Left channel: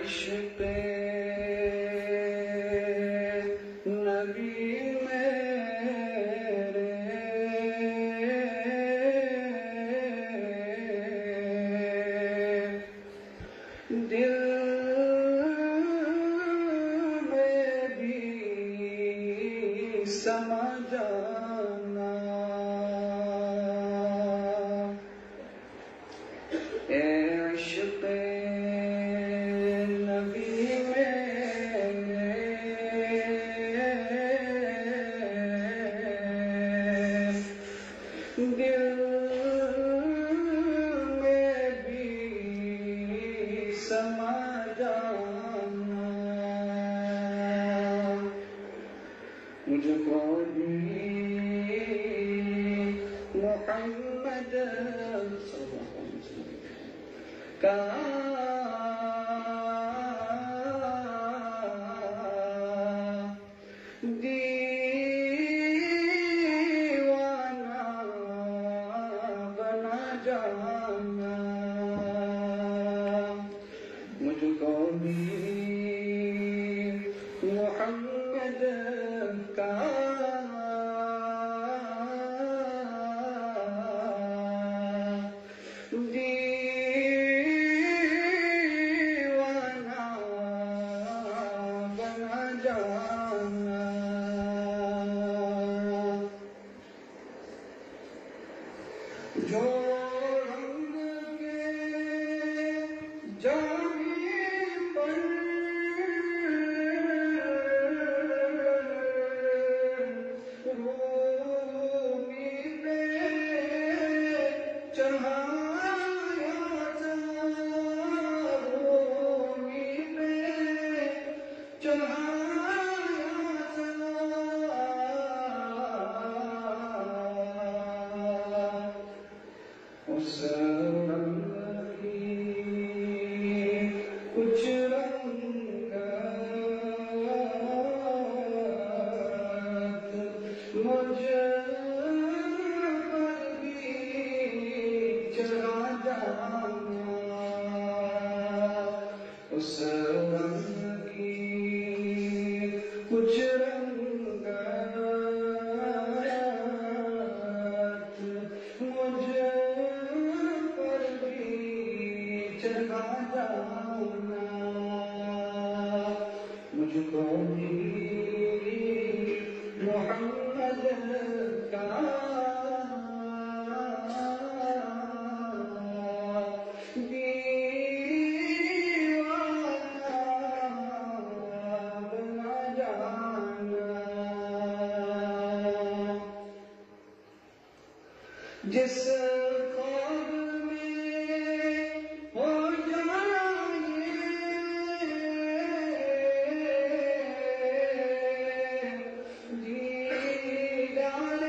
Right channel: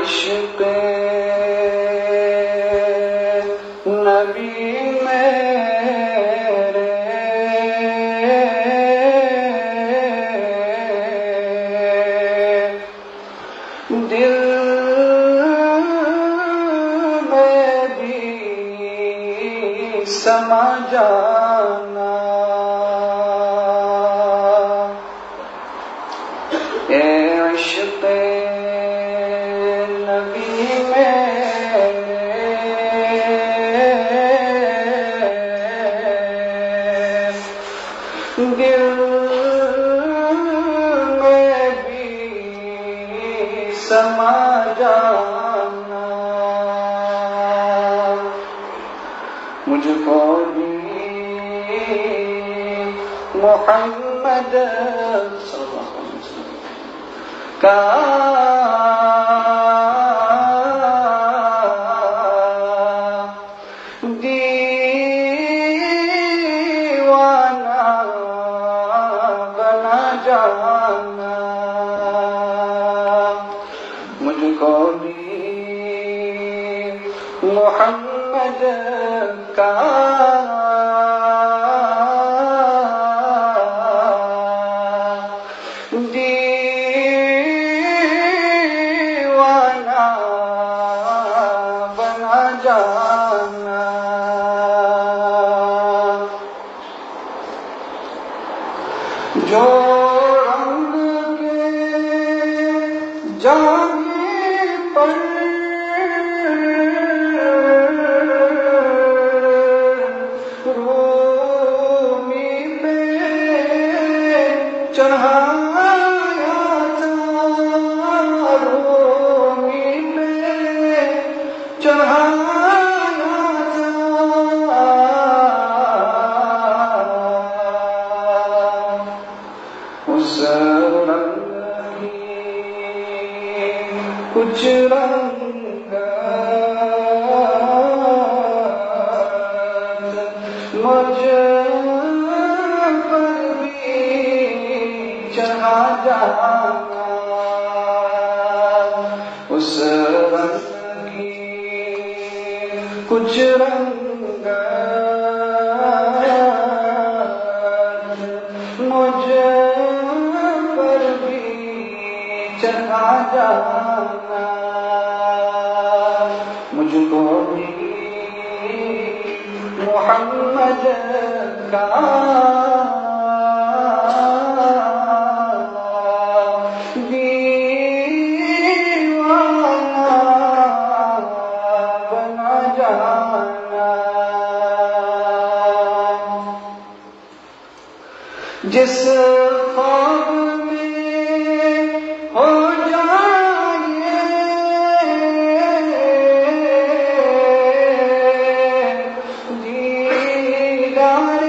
عشق نبی میرے دل میں بھی سما جانا، اے عشق نبی میرے دل میں بھی سما جانا، مجھ کو بھی محمد صلی اللہ علیہ وسلم کا جانا، مجھ کو بھی محمد کا دیوانہ بنا جانا، جو جانے پر رومی پہ چڑھایا تھا، رومی پہ چڑھایا تھا، اس رنگ کچھ رنگ مجھ پر بھی چڑھا جانا، اس رنگ کی کچھ رنگ مجھ پر بھی چڑھا جانا، مجھ کو بھی محمد کا دیوانہ بنا جانا، جس خواب میں ہو جائے دیدار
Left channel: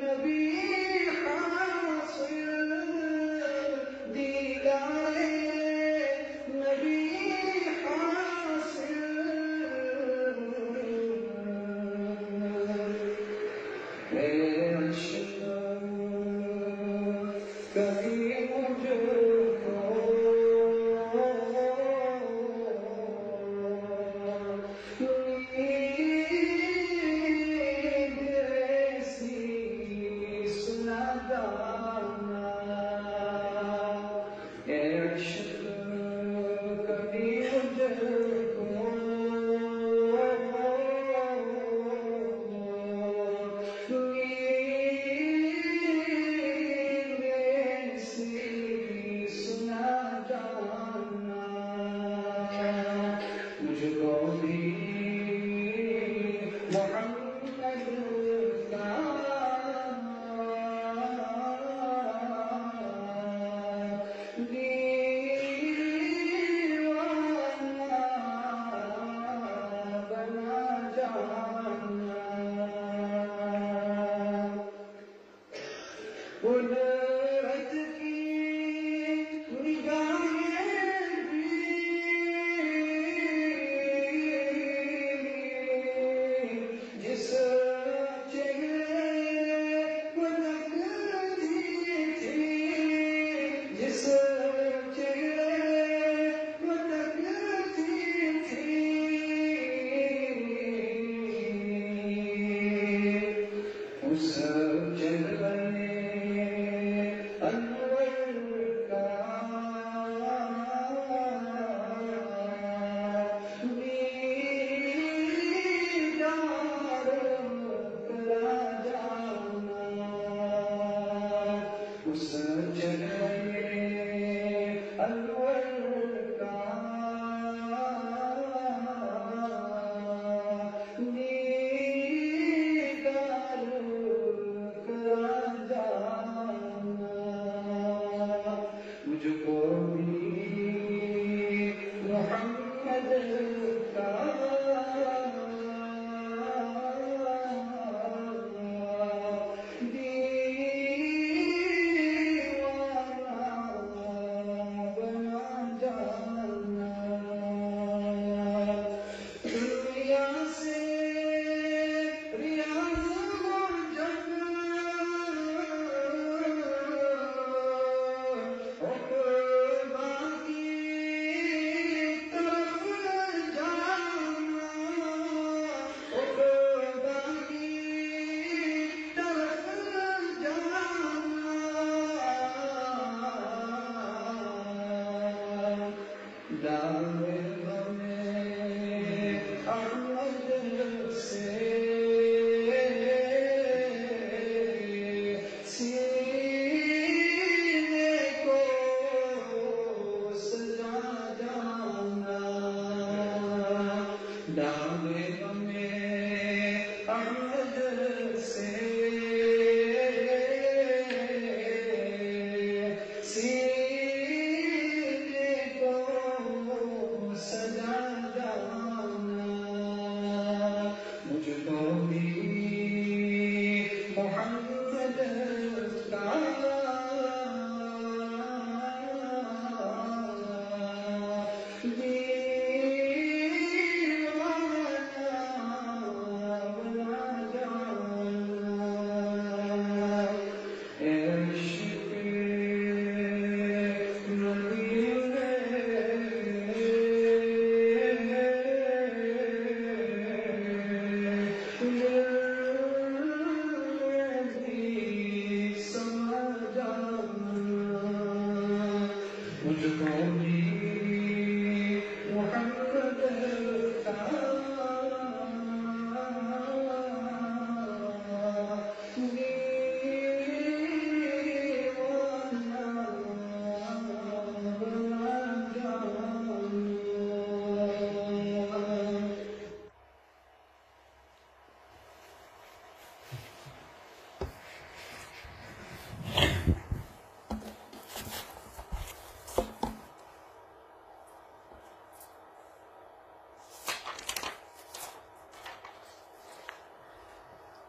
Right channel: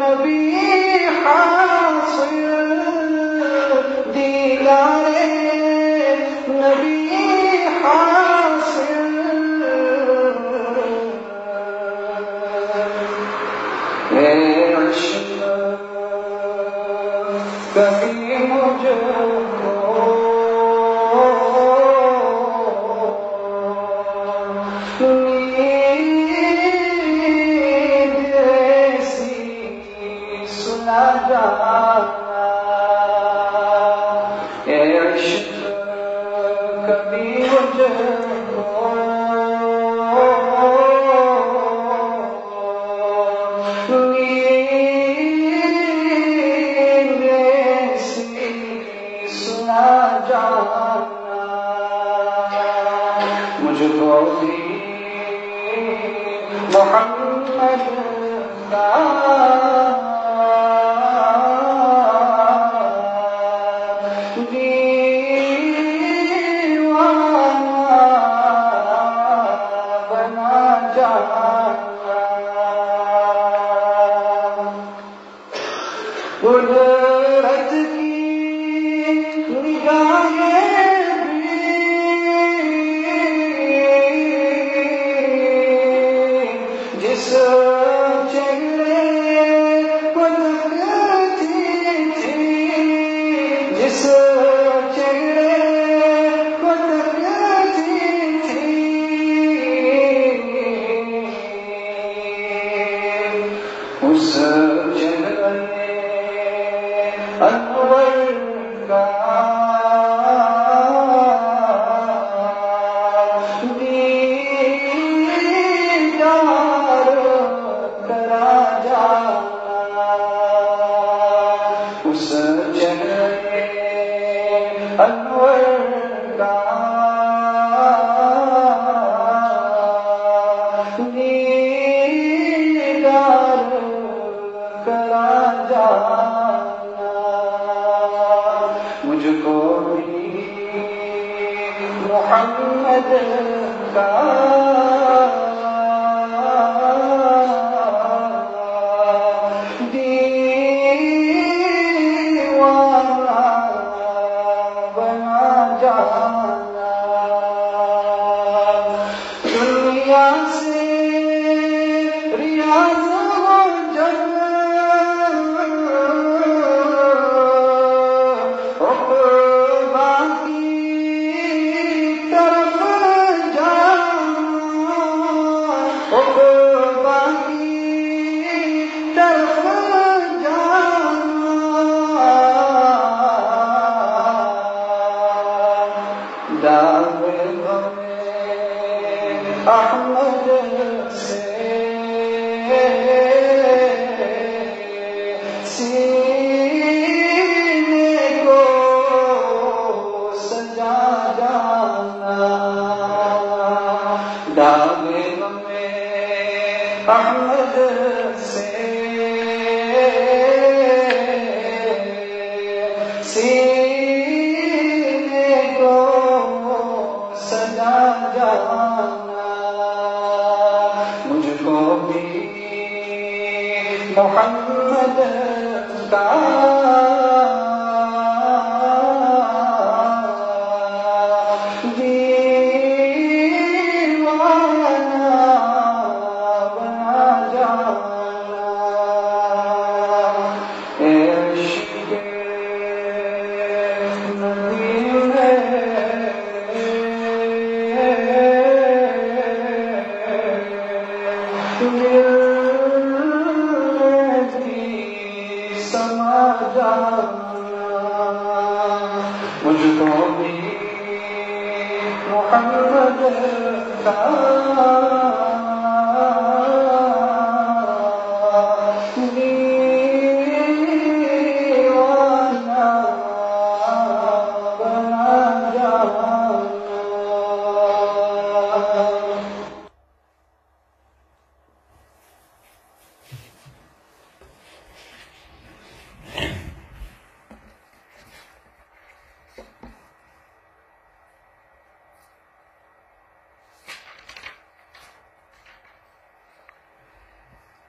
نبی حاصل، دیدار نبی حاصل، اے عشق کبھی مجھ کو نیند ایسی سلا جانا، اے عشق کبھی مجھ کو نیند ایسی سلا جانا، مجھ کو بھی محمد کا دیوانہ بنا جانا، قدرت کی نگاہیں بھی جس چہرے کو تکتی تھی، جس انور کا دیدار کرا جانا مجھ کو بھی محمد کا احمد سے سینے کو سجا جانا داغ میں احمد سے سینے کو سجا جانا مجھ کو بھی محمد کا دیوانہ بنا جانا عشق ندی میں سما جانا مجھ کو بھی محمد کا دیوانہ بنا جانا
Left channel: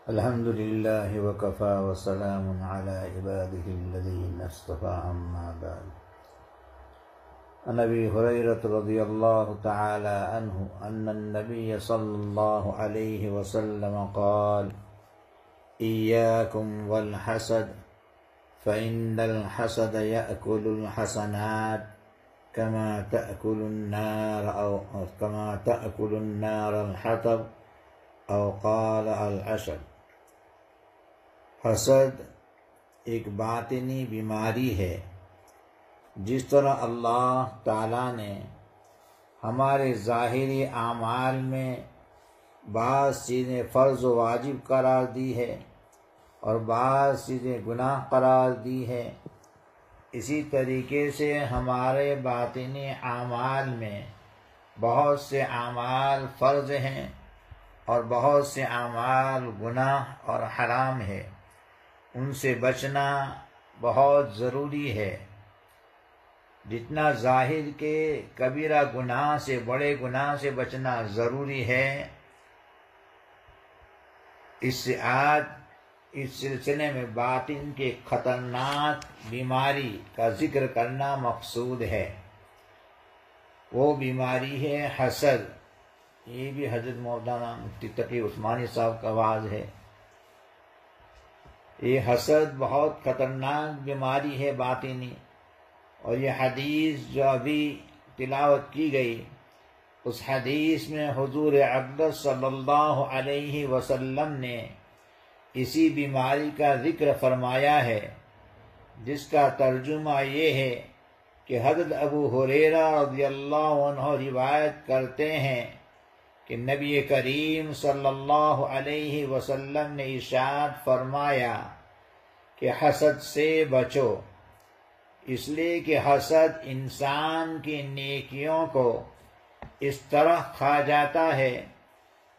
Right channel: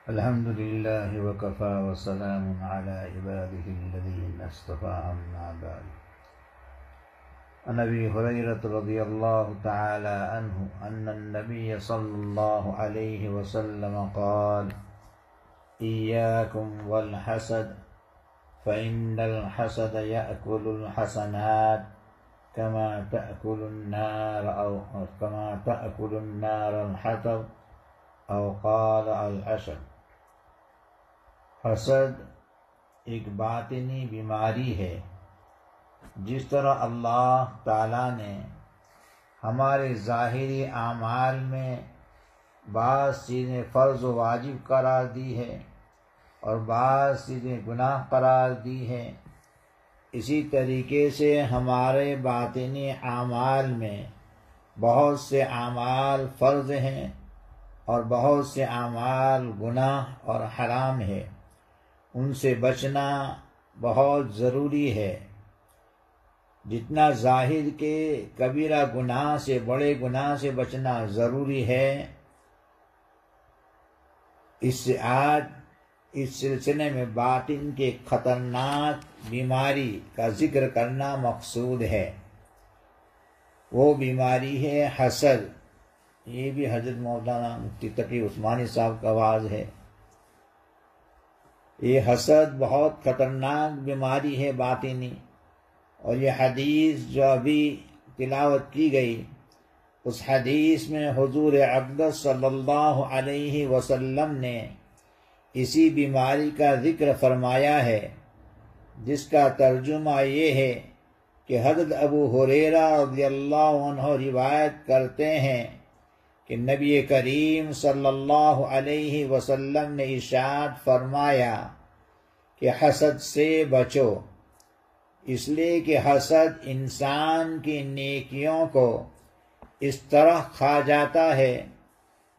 الحمد لله وكفى وسلام على عباده الذين اصطفى أما بعد عن أبي هريرة رضي الله تعالى عنه أن النبي صلى الله عليه وسلم قال إياكم والحسد فإن الحسد يأكل الحسنات كما تأكل النار الحطب أو قال العشب حسد ایک باطنی بیماری ہے. جس طرح اللہ تعالیٰ نے ہمارے ظاہری اعمال میں بعض چیزیں فرض و واجب قرار دی ہے اور بعض چیزیں گناہ قرار دی ہے، اسی طریقے سے ہمارے باطنی اعمال میں بہت سے اعمال فرض ہیں اور بہت سے اعمال گناہ اور حرام ہے. ان سے بچنا بہت ضروری ہے. جتنا ظاہر کے کبیرہ گناہ سے، بڑے گناہ سے بچنا ضروری ہے، اس سلسلے میں باطن کے خطرناک بیماری کا ذکر کرنا مقصود ہے. وہ بیماری ہے حسد. یہ بھی حضرت مولانا مفتی تقی عثمانی صاحب کا آواز ہے. یہ حسد بہت خطرناک بیماری ہے باطنی، اور یہ حدیث جو ابھی تلاوت کی گئی، اس حدیث میں حضور اقدس صلی اللہ علیہ وسلم نے اسی بیماری کا ذکر فرمایا ہے، جس کا ترجمہ یہ ہے کہ حضرت ابو ہریرہ رضی اللہ عنہ روایت کرتے ہیں کہ نبی کریم صلی اللہ علیہ وسلم نے ارشاد فرمایا کہ حسد سے بچو. اس لیے کہ حسد انسان کی نیکیوں کو اس طرح کھا جاتا ہے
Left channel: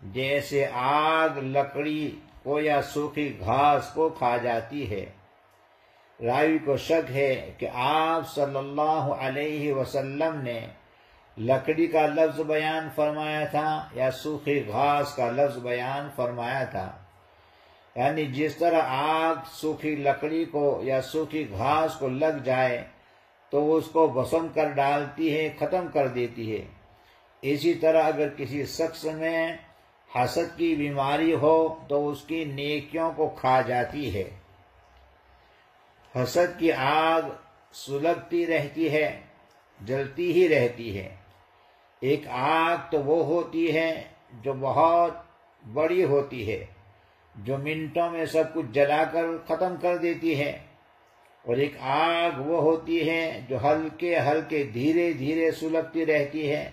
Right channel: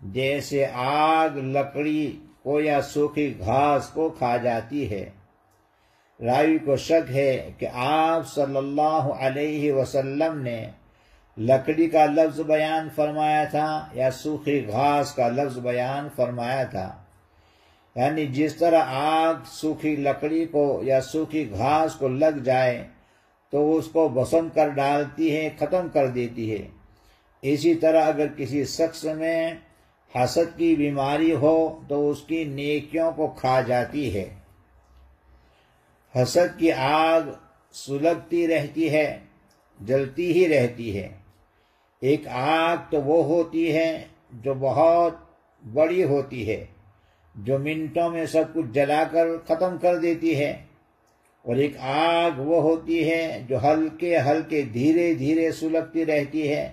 جیسے آگ لکڑی کو یا سوکھی گھاس کو کھا جاتی ہے۔ راوی کو شک ہے کہ آپ صلی اللہ علیہ وسلم نے لکڑی کا لفظ بیان فرمایا تھا یا سوکھی گھاس کا لفظ بیان فرمایا تھا، یعنی جس طرح آگ سوکھی لکڑی کو یا سوکھی گھاس کو لگ جائے تو اس کو بھسم کر ڈالتی ہے، ختم کر دیتی ہے، اسی طرح اگر کسی شخص میں حسد کی بیماری ہو تو اس کی نیکیوں کو کھا جاتی ہے۔ حسد کی آگ سلگتی رہتی ہے، جلتی ہی رہتی ہے۔ ایک آگ تو وہ ہوتی ہے جو بہت بڑی ہوتی ہے، جو منٹوں میں سب کچھ جلا کر ختم کر دیتی ہے، اور ایک آگ وہ ہوتی ہے جو ہلکے ہلکے دھیرے دھیرے سلگتی رہتی ہے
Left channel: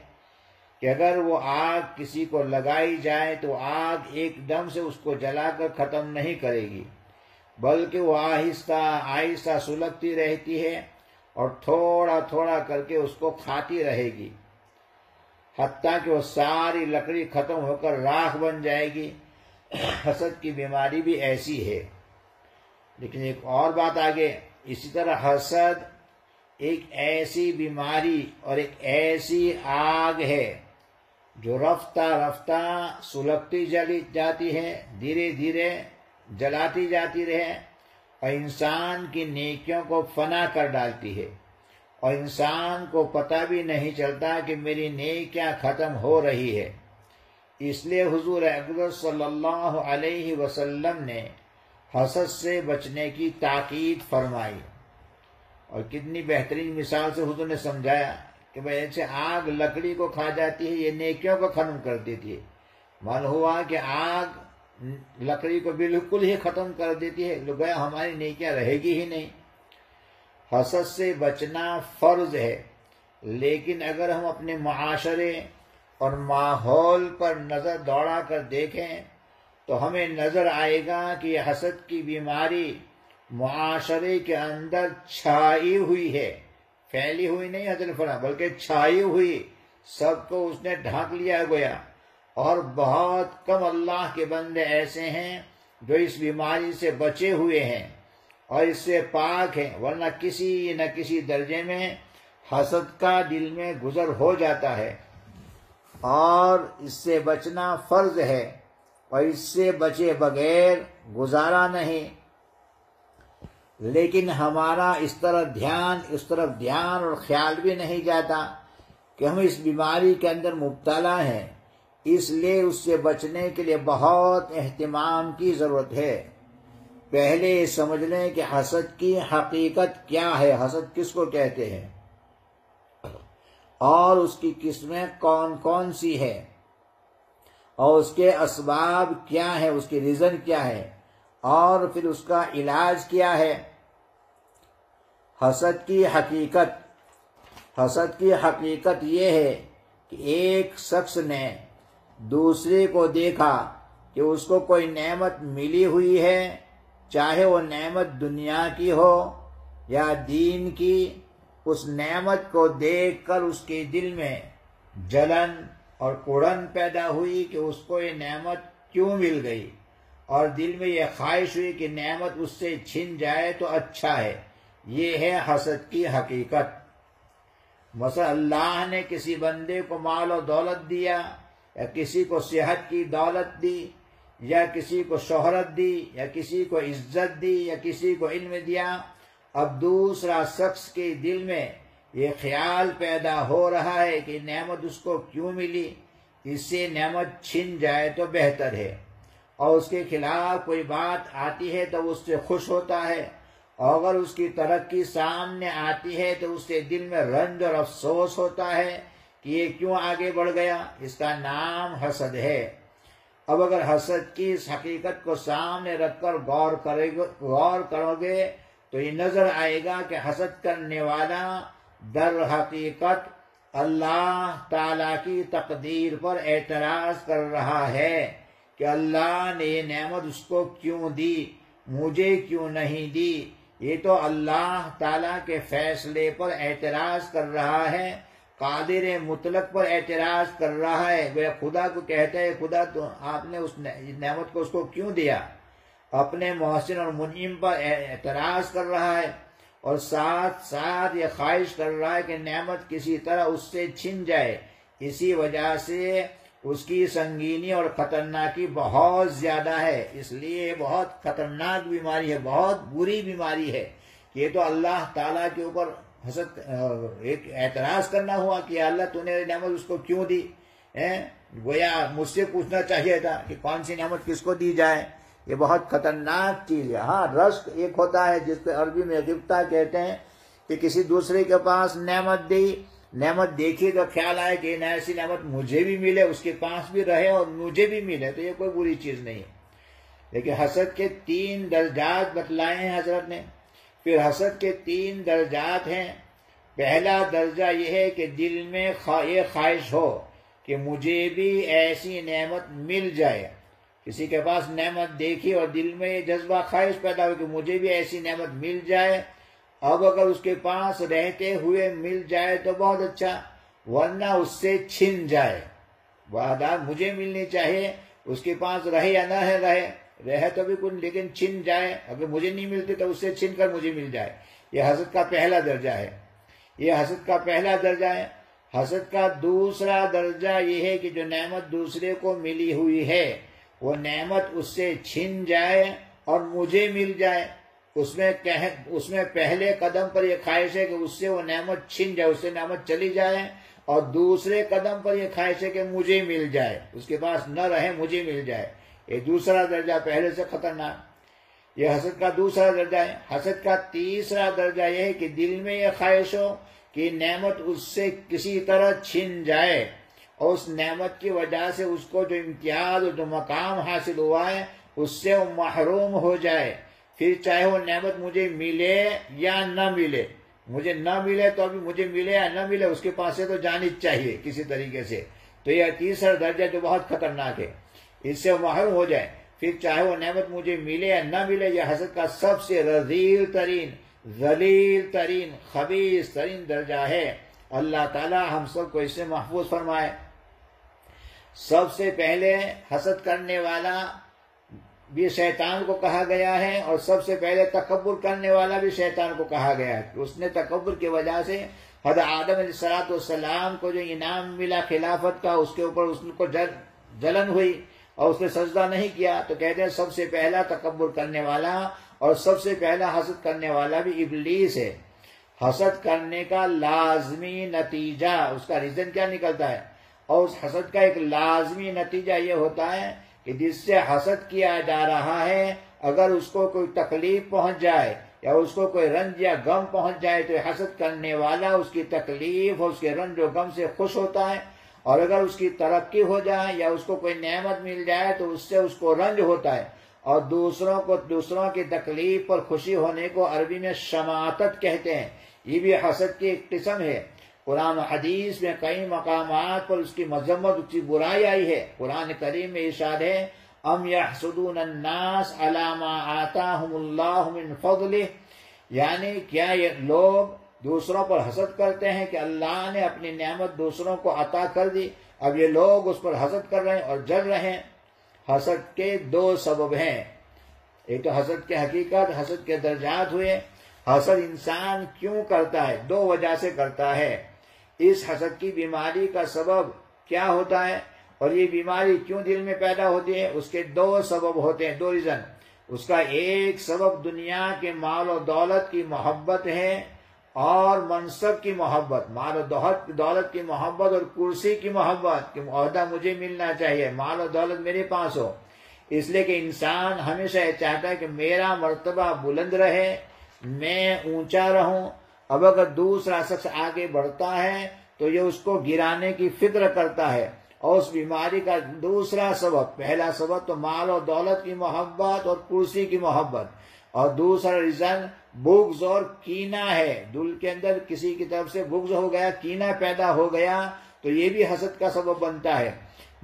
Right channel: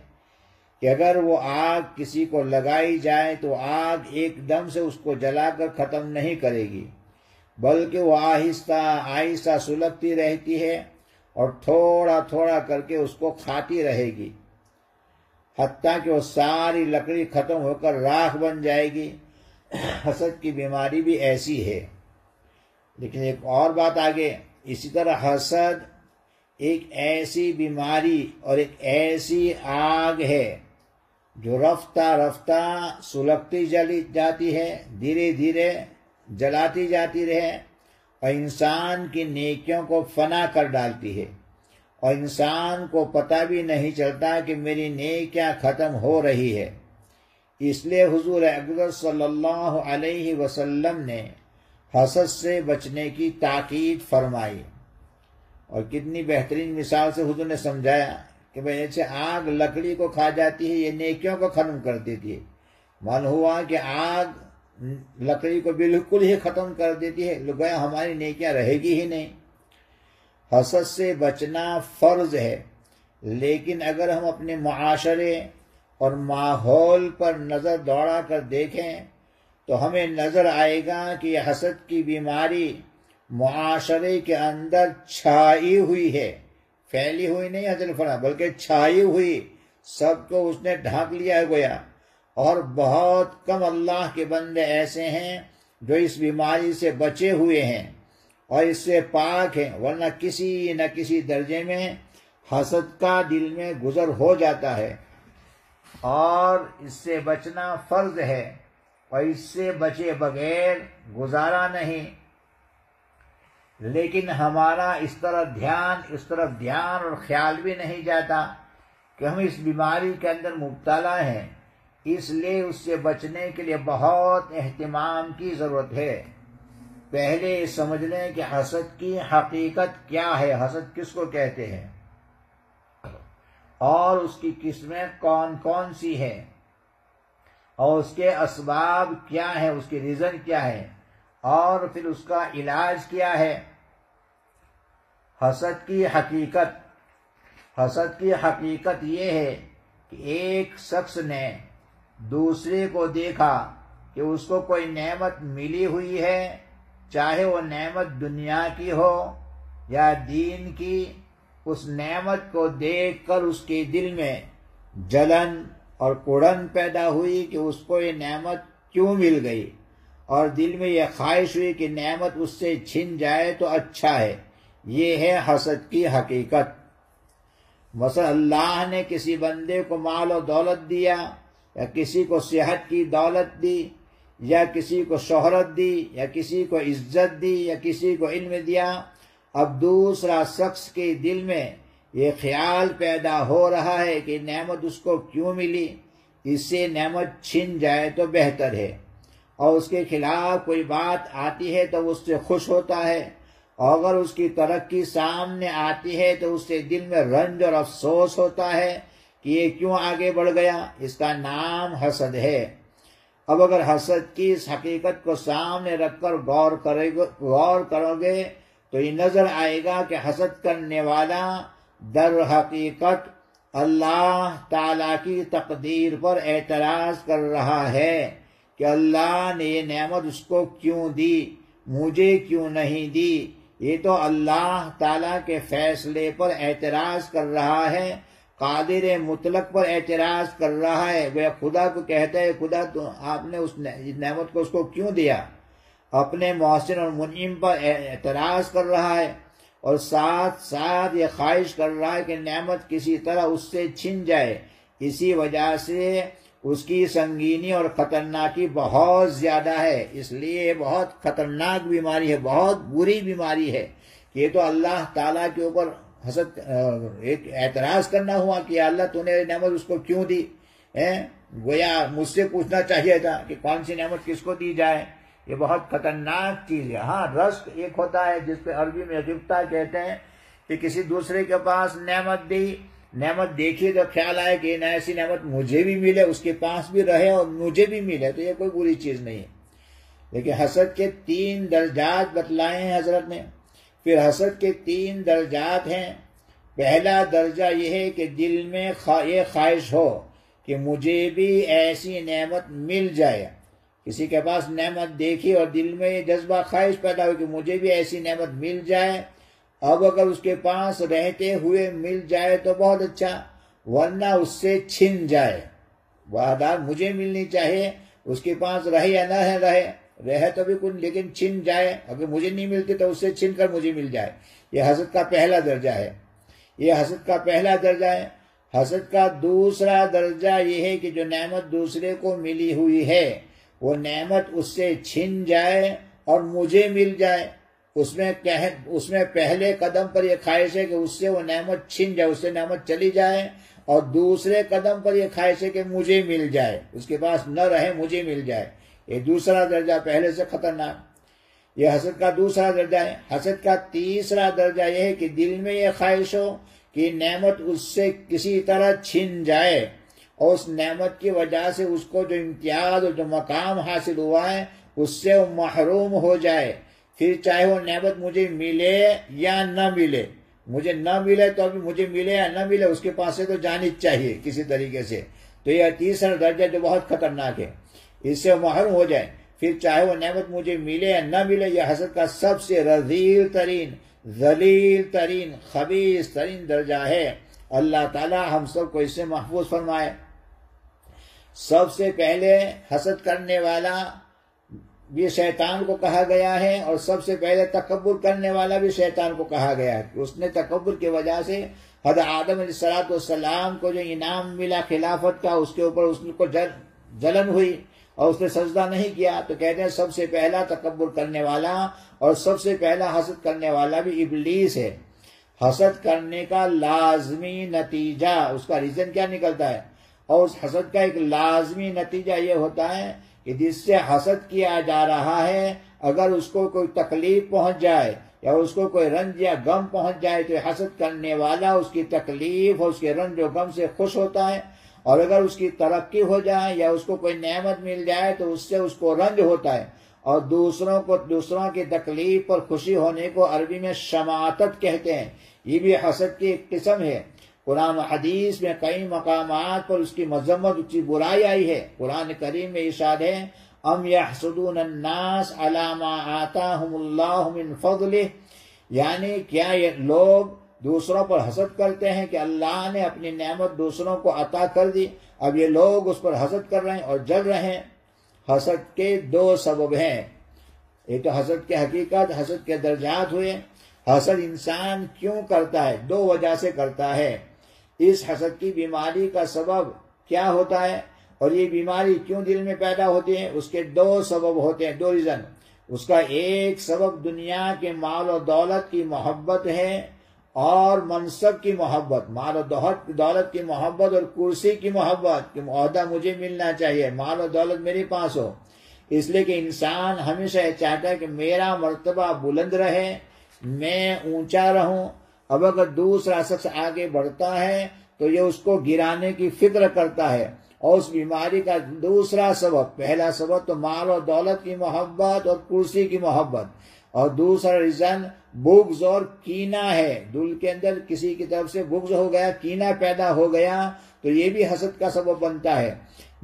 کہ اگر وہ آگ کسی کو لگائی جائے تو آگ ایک دم سے اس کو جلا کر ختم نہیں کرے گی، بلکہ وہ آہستہ آہستہ سلگتی رہتی ہے اور تھوڑا تھوڑا کر کے اس کو کھاتی رہے گی، حتیٰ کہ وہ ساری لکڑی ختم ہو کر راکھ بن جائے گی۔ حسد کی بیماری بھی ایسی ہے۔ لیکن ایک اور بات آگے، اسی طرح حسد ایک ایسی بیماری اور ایک ایسی آگ ہے جو رفتہ رفتہ سلگتی جلی جاتی ہے، دھیرے دھیرے جلاتی جاتی رہے اور انسان کی نیکیوں کو فنا کر ڈالتی ہے، اور انسان کو پتہ بھی نہیں چلتا کہ میری نیکیاں ختم ہو رہی ہے۔ اس لیے حضور اکرم صلی اللہ علیہ وسلم نے حسد سے بچنے کی تاکید فرمائی، اور کتنی بہترین مثال سے حضور نے سمجھایا کہ بھئی ایسے آگ لکڑی کو کھا جاتی ہے، یہ نیکیوں کو ختم کر دیتی ہے۔ معلوم ہوا کہ آگ لکڑی کو بالکل ہی ختم کر دیتی ہے، گویا ہماری نیکیاں رہے گی ہی نہیں۔ حسد سے بچنا فرض ہے، لیکن اگر ہم اپنے معاشرے اور ماحول پر نظر دوڑا کر دیکھیں تو ہمیں نظر آئے گا کہ یہ حسد کی بیماری معاشرے کے اندر چھائی ہوئی ہے، پھیلی ہوئی نہیں حضرت فرمایا، بلکہ چھائی ہوئی، سب کو اس نے ڈھانک لیا گیا، اور بہت کم اللہ کے بندے ایسے ہیں جو اس بیماری سے بچے ہوئے ہیں اور اس سے پاک ہیں، ورنہ کسی نہ کسی درجے میں حسد کا دل میں گزر ہو جاتا ہے، اور اس سے بچنا فرض ہے، اور اس سے بچے بغیر گزارا نہیں۔ لیکن ہمارا اس طرف دھیان اور خیال بھی نہیں جاتا کہ ہم اس بیماری کے اندر مبتلا ہیں، اس لیے اس سے بچنے کے لیے بہت اہتمام کی ضرورت ہے۔ پہلے سمجھ لیں کہ حسد کی حقیقت کیا ہے، حسد کس کو کہتے ہیں، اور اس کی قسمیں کون کون سی ہے، اور اس کے اسباب کیا ہیں، اس کی ریزن کیا ہے، اور پھر اس کا علاج کیا ہے۔ حسد کی حقیقت یہ ہے کہ ایک شخص نے دوسرے کو دیکھا کہ اس کو کوئی نعمت ملی ہوئی ہے، چاہے وہ نعمت دنیا کی ہو یا دین کی، اس نعمت کو دیکھ کر اس کے دل میں جلن اور کڑن پیدا ہوئی کہ اس کو یہ نعمت کیوں مل گئی، اور دل میں یہ خواہش ہوئی کہ نعمت اس سے چھن جائے تو اچھا ہے۔ یہ ہے حسد کی حقیقت۔ مثلا اللہ نے کسی بندے کو مال و دولت دیا، یا کسی کو صحت کی دولت دی، یا کسی کو شہرت دی، یا کسی کو عزت دی، یا کسی کو علم دیا، اب دوسرا شخص کے دل میں یہ خیال پیدا ہو رہا ہے کہ نعمت اس کو کیوں ملی، اس سے نعمت چھن جائے تو بہتر ہے، اور اس کے خلاف کوئی بات آتی ہے تو اس سے خوش ہوتا ہے، اور اگر اس کی ترقی سامنے آتی ہے تو اس سے دل میں رنج اور افسوس ہوتا ہے کہ یہ کیوں آگے بڑھ گیا۔ اس کا نام حسد ہے۔ اب اگر حسد کی اس حقیقت کو سامنے رکھ کر غور کرو گے تو یہ نظر آئے گا کہ حسد کرنے والا در حقیقت اللہ تعالی کی تقدیر پر اعتراض کر رہا ہے کہ اللہ نے یہ نعمت اس کو کیوں دی، مجھے کیوں نہیں دی، یہ تو اللہ تعالیٰ کے فیصلے پر اعتراض کر رہا ہے، قادر مطلق پر اعتراض کر رہا ہے۔ وہ خدا کو کہتا ہے خدا تو آپ نے اس نعمت کو اس کو کیوں دیا؟ اپنے محسن اور منعم پر اعتراض کر رہا ہے، اور ساتھ ساتھ یہ خواہش کر رہا ہے کہ نعمت کسی طرح اس سے چھن جائے۔ اسی وجہ سے اس کی سنگینی اور خطرناکی بہت زیادہ ہے، اس لیے بہت خطرناک بیماری ہے، بہت بری بیماری ہے کہ یہ تو اللہ تعالیٰ کے اوپر حسد ایک اعتراض کرنا ہوا کہ اللہ تو نے نعمت اس کو کیوں دی؟ گویا مجھ سے پوچھنا چاہیے تھا کہ کون سی نعمت کس کو دی جائے۔ یہ بہت خطرناک چیز ہے۔ ہاں، رزق ایک ہوتا ہے جس کو عربی میں غبطہ کہتے ہیں، کہ کسی دوسرے کے پاس نعمت دی، نعمت دیکھی تو خیال آئے کہ ایسی نعمت مجھے بھی ملے، اس کے پاس بھی رہے اور مجھے بھی ملے، تو یہ کوئی بری چیز نہیں ہے۔ لیکن حسد کے 3 درجات بتلائے ہیں حضرت نے۔ پھر حسد کے 3 درجات ہیں۔ پہلا درجہ یہ ہے کہ دل میں یہ خواہش ہو کہ مجھے بھی ایسی نعمت مل جائے۔ کسی کے پاس نعمت دیکھی اور دل میں یہ جذبہ خواہش پیدا ہو کہ مجھے بھی ایسی نعمت مل جائے، اب اگر اس کے پاس رہتے ہوئے مل جائے تو بہت اچھا، ورنہ اس سے چھن جائے۔ وعدہ مجھے ملنی چاہیے، اس کے پاس رہے یا نہ رہے تو بھی کچھ، لیکن چھن جائے، اگر مجھے نہیں ملتی تو اس سے چھن کر مجھے مل جائے۔ یہ حسد کا پہلا درجہ ہے۔ یہ حسد کا پہلا درجہ ہے۔ حسد کا دوسرا درجہ یہ ہے کہ جو نعمت دوسرے کو ملی ہوئی ہے وہ نعمت اس سے چھن جائے اور مجھے مل جائے۔ اس میں پہلے قدم پر یہ خواہش ہے کہ اس سے وہ نعمت چھن جائے، اس سے نعمت چلی جائے، اور دوسرے قدم پر یہ خواہش ہے کہ مجھے مل جائے، اس کے پاس نہ رہے مجھے مل جائے۔ یہ دوسرا درجہ پہلے سے خطرناک۔ یہ حسد کا دوسرا درجہ ہے۔ حسد کا تیسرا درجہ یہ ہے کہ دل میں یہ خواہش ہو کہ نعمت اس سے کسی طرح چھن جائے، اور اس نعمت کی وجہ سے اس کو جو امتیاز اور جو مقام حاصل ہوا ہے اس سے وہ محروم ہو جائے۔ پھر چاہے وہ نعمت مجھے ملے یا نہ ملے، مجھے نہ ملے تو ابھی مجھے ملے یا نہ ملے اس کے پاس سے تو جانی چاہیے کسی طریقے سے۔ تو یہ تیسرا درجہ جو بہت خطرناک ہے، اس سے وہ محروم ہو جائے، پھر چاہے وہ نعمت مجھے ملے یا نہ ملے۔ یہ حسد کا سب سے رذیل ترین، ذلیل ترین، خبیث ترین درجہ ہے۔ اللہ تعالی ہم سب کو اس سے محفوظ فرمائے۔ سب سے پہلے حسد کرنے والا بھی شیطان کو کہا گیا ہے، اور سب سے پہلے تکبر کرنے والا بھی شیطان کو کہا گیا ہے۔ اس نے تکبر کی وجہ سے حضرت آدم علیہ السلام کو جو انعام ملا خلافت کا، اس کے اوپر اس کو جلن ہوئی اور اس نے سجدہ نہیں کیا، تو کہتے ہیں سب سے پہلا تکبر کرنے والا اور سب سے پہلا حسد کرنے والا بھی ابلیس ہے۔ حسد کرنے کا لازمی نتیجہ، اس کا ریزن کیا نکلتا ہے؟ اور اس حسد کا ایک لازمی نتیجہ یہ ہوتا ہے کہ جس سے حسد کیا جا رہا ہے اگر اس کو کوئی تکلیف پہنچ جائے یا اس کو کوئی رنج یا غم پہنچ جائے تو حسد کرنے والا اس کی تکلیف اور اس کے رنج و غم سے خوش ہوتا ہے، اور اگر اس کی ترقی ہو جائے یا اس کو کوئی نعمت مل جائے تو اس سے اس کو رنج ہوتا ہے، اور دوسروں کی تکلیف پر خوشی ہونے کو عربی میں شماتت کہتے ہیں۔ یہ بھی حسد کی ایک قسم ہے۔ قرآن و حدیث میں کئی مقامات پر اس کی مذمت، اس کی برائی آئی ہے۔ قرآن کریم میں ارشاد ہے ام یحسدون الناس علی ما آتاہم اللہ من فضلہ، یعنی کیا یہ لوگ دوسروں پر حسد کرتے ہیں کہ اللہ نے اپنی نعمت دوسروں کو عطا کر دی، اب یہ لوگ اس پر حسد کر رہے ہیں اور جل رہے ہیں۔ حسد کے 2 سبب ہیں، ایک تو حسد کی حقیقت، حسد کے درجات ہوئے۔ حسد انسان کیوں کرتا ہے؟ 2 وجہ سے کرتا ہے۔ اس حسد کی بیماری کا سبب کیا ہوتا ہے اور یہ بیماری کیوں دل میں پیدا ہوتی ہے؟ اس کے 2 سبب ہوتے ہیں، 2 ریزن۔ اس کا ایک سبب دنیا کے مال و دولت کی محبت ہے اور منصب کی محبت، مال و دولت کی محبت اور کرسی کی محبت کہ عہدہ مجھے ملنا چاہیے، مال و دولت میرے پاس ہو۔ اس لیے کہ انسان ہمیشہ یہ چاہتا ہے کہ میرا مرتبہ بلند رہے، میں اونچا رہوں۔ اب اگر دوسرا شخص آگے بڑھتا ہے تو یہ اس کو گرانے کی فکر کرتا ہے، اور اس بیماری کا دوسرا سبب، پہلا سبب تو مال و دولت کی محبت اور کرسی کی محبت، اور دوسرا ریزن بغض اور کینہ ہے۔ دل کے اندر کسی کی طرف سے بغض ہو گیا، کینہ پیدا ہو گیا تو یہ بھی حسد کا سبب بنتا ہے۔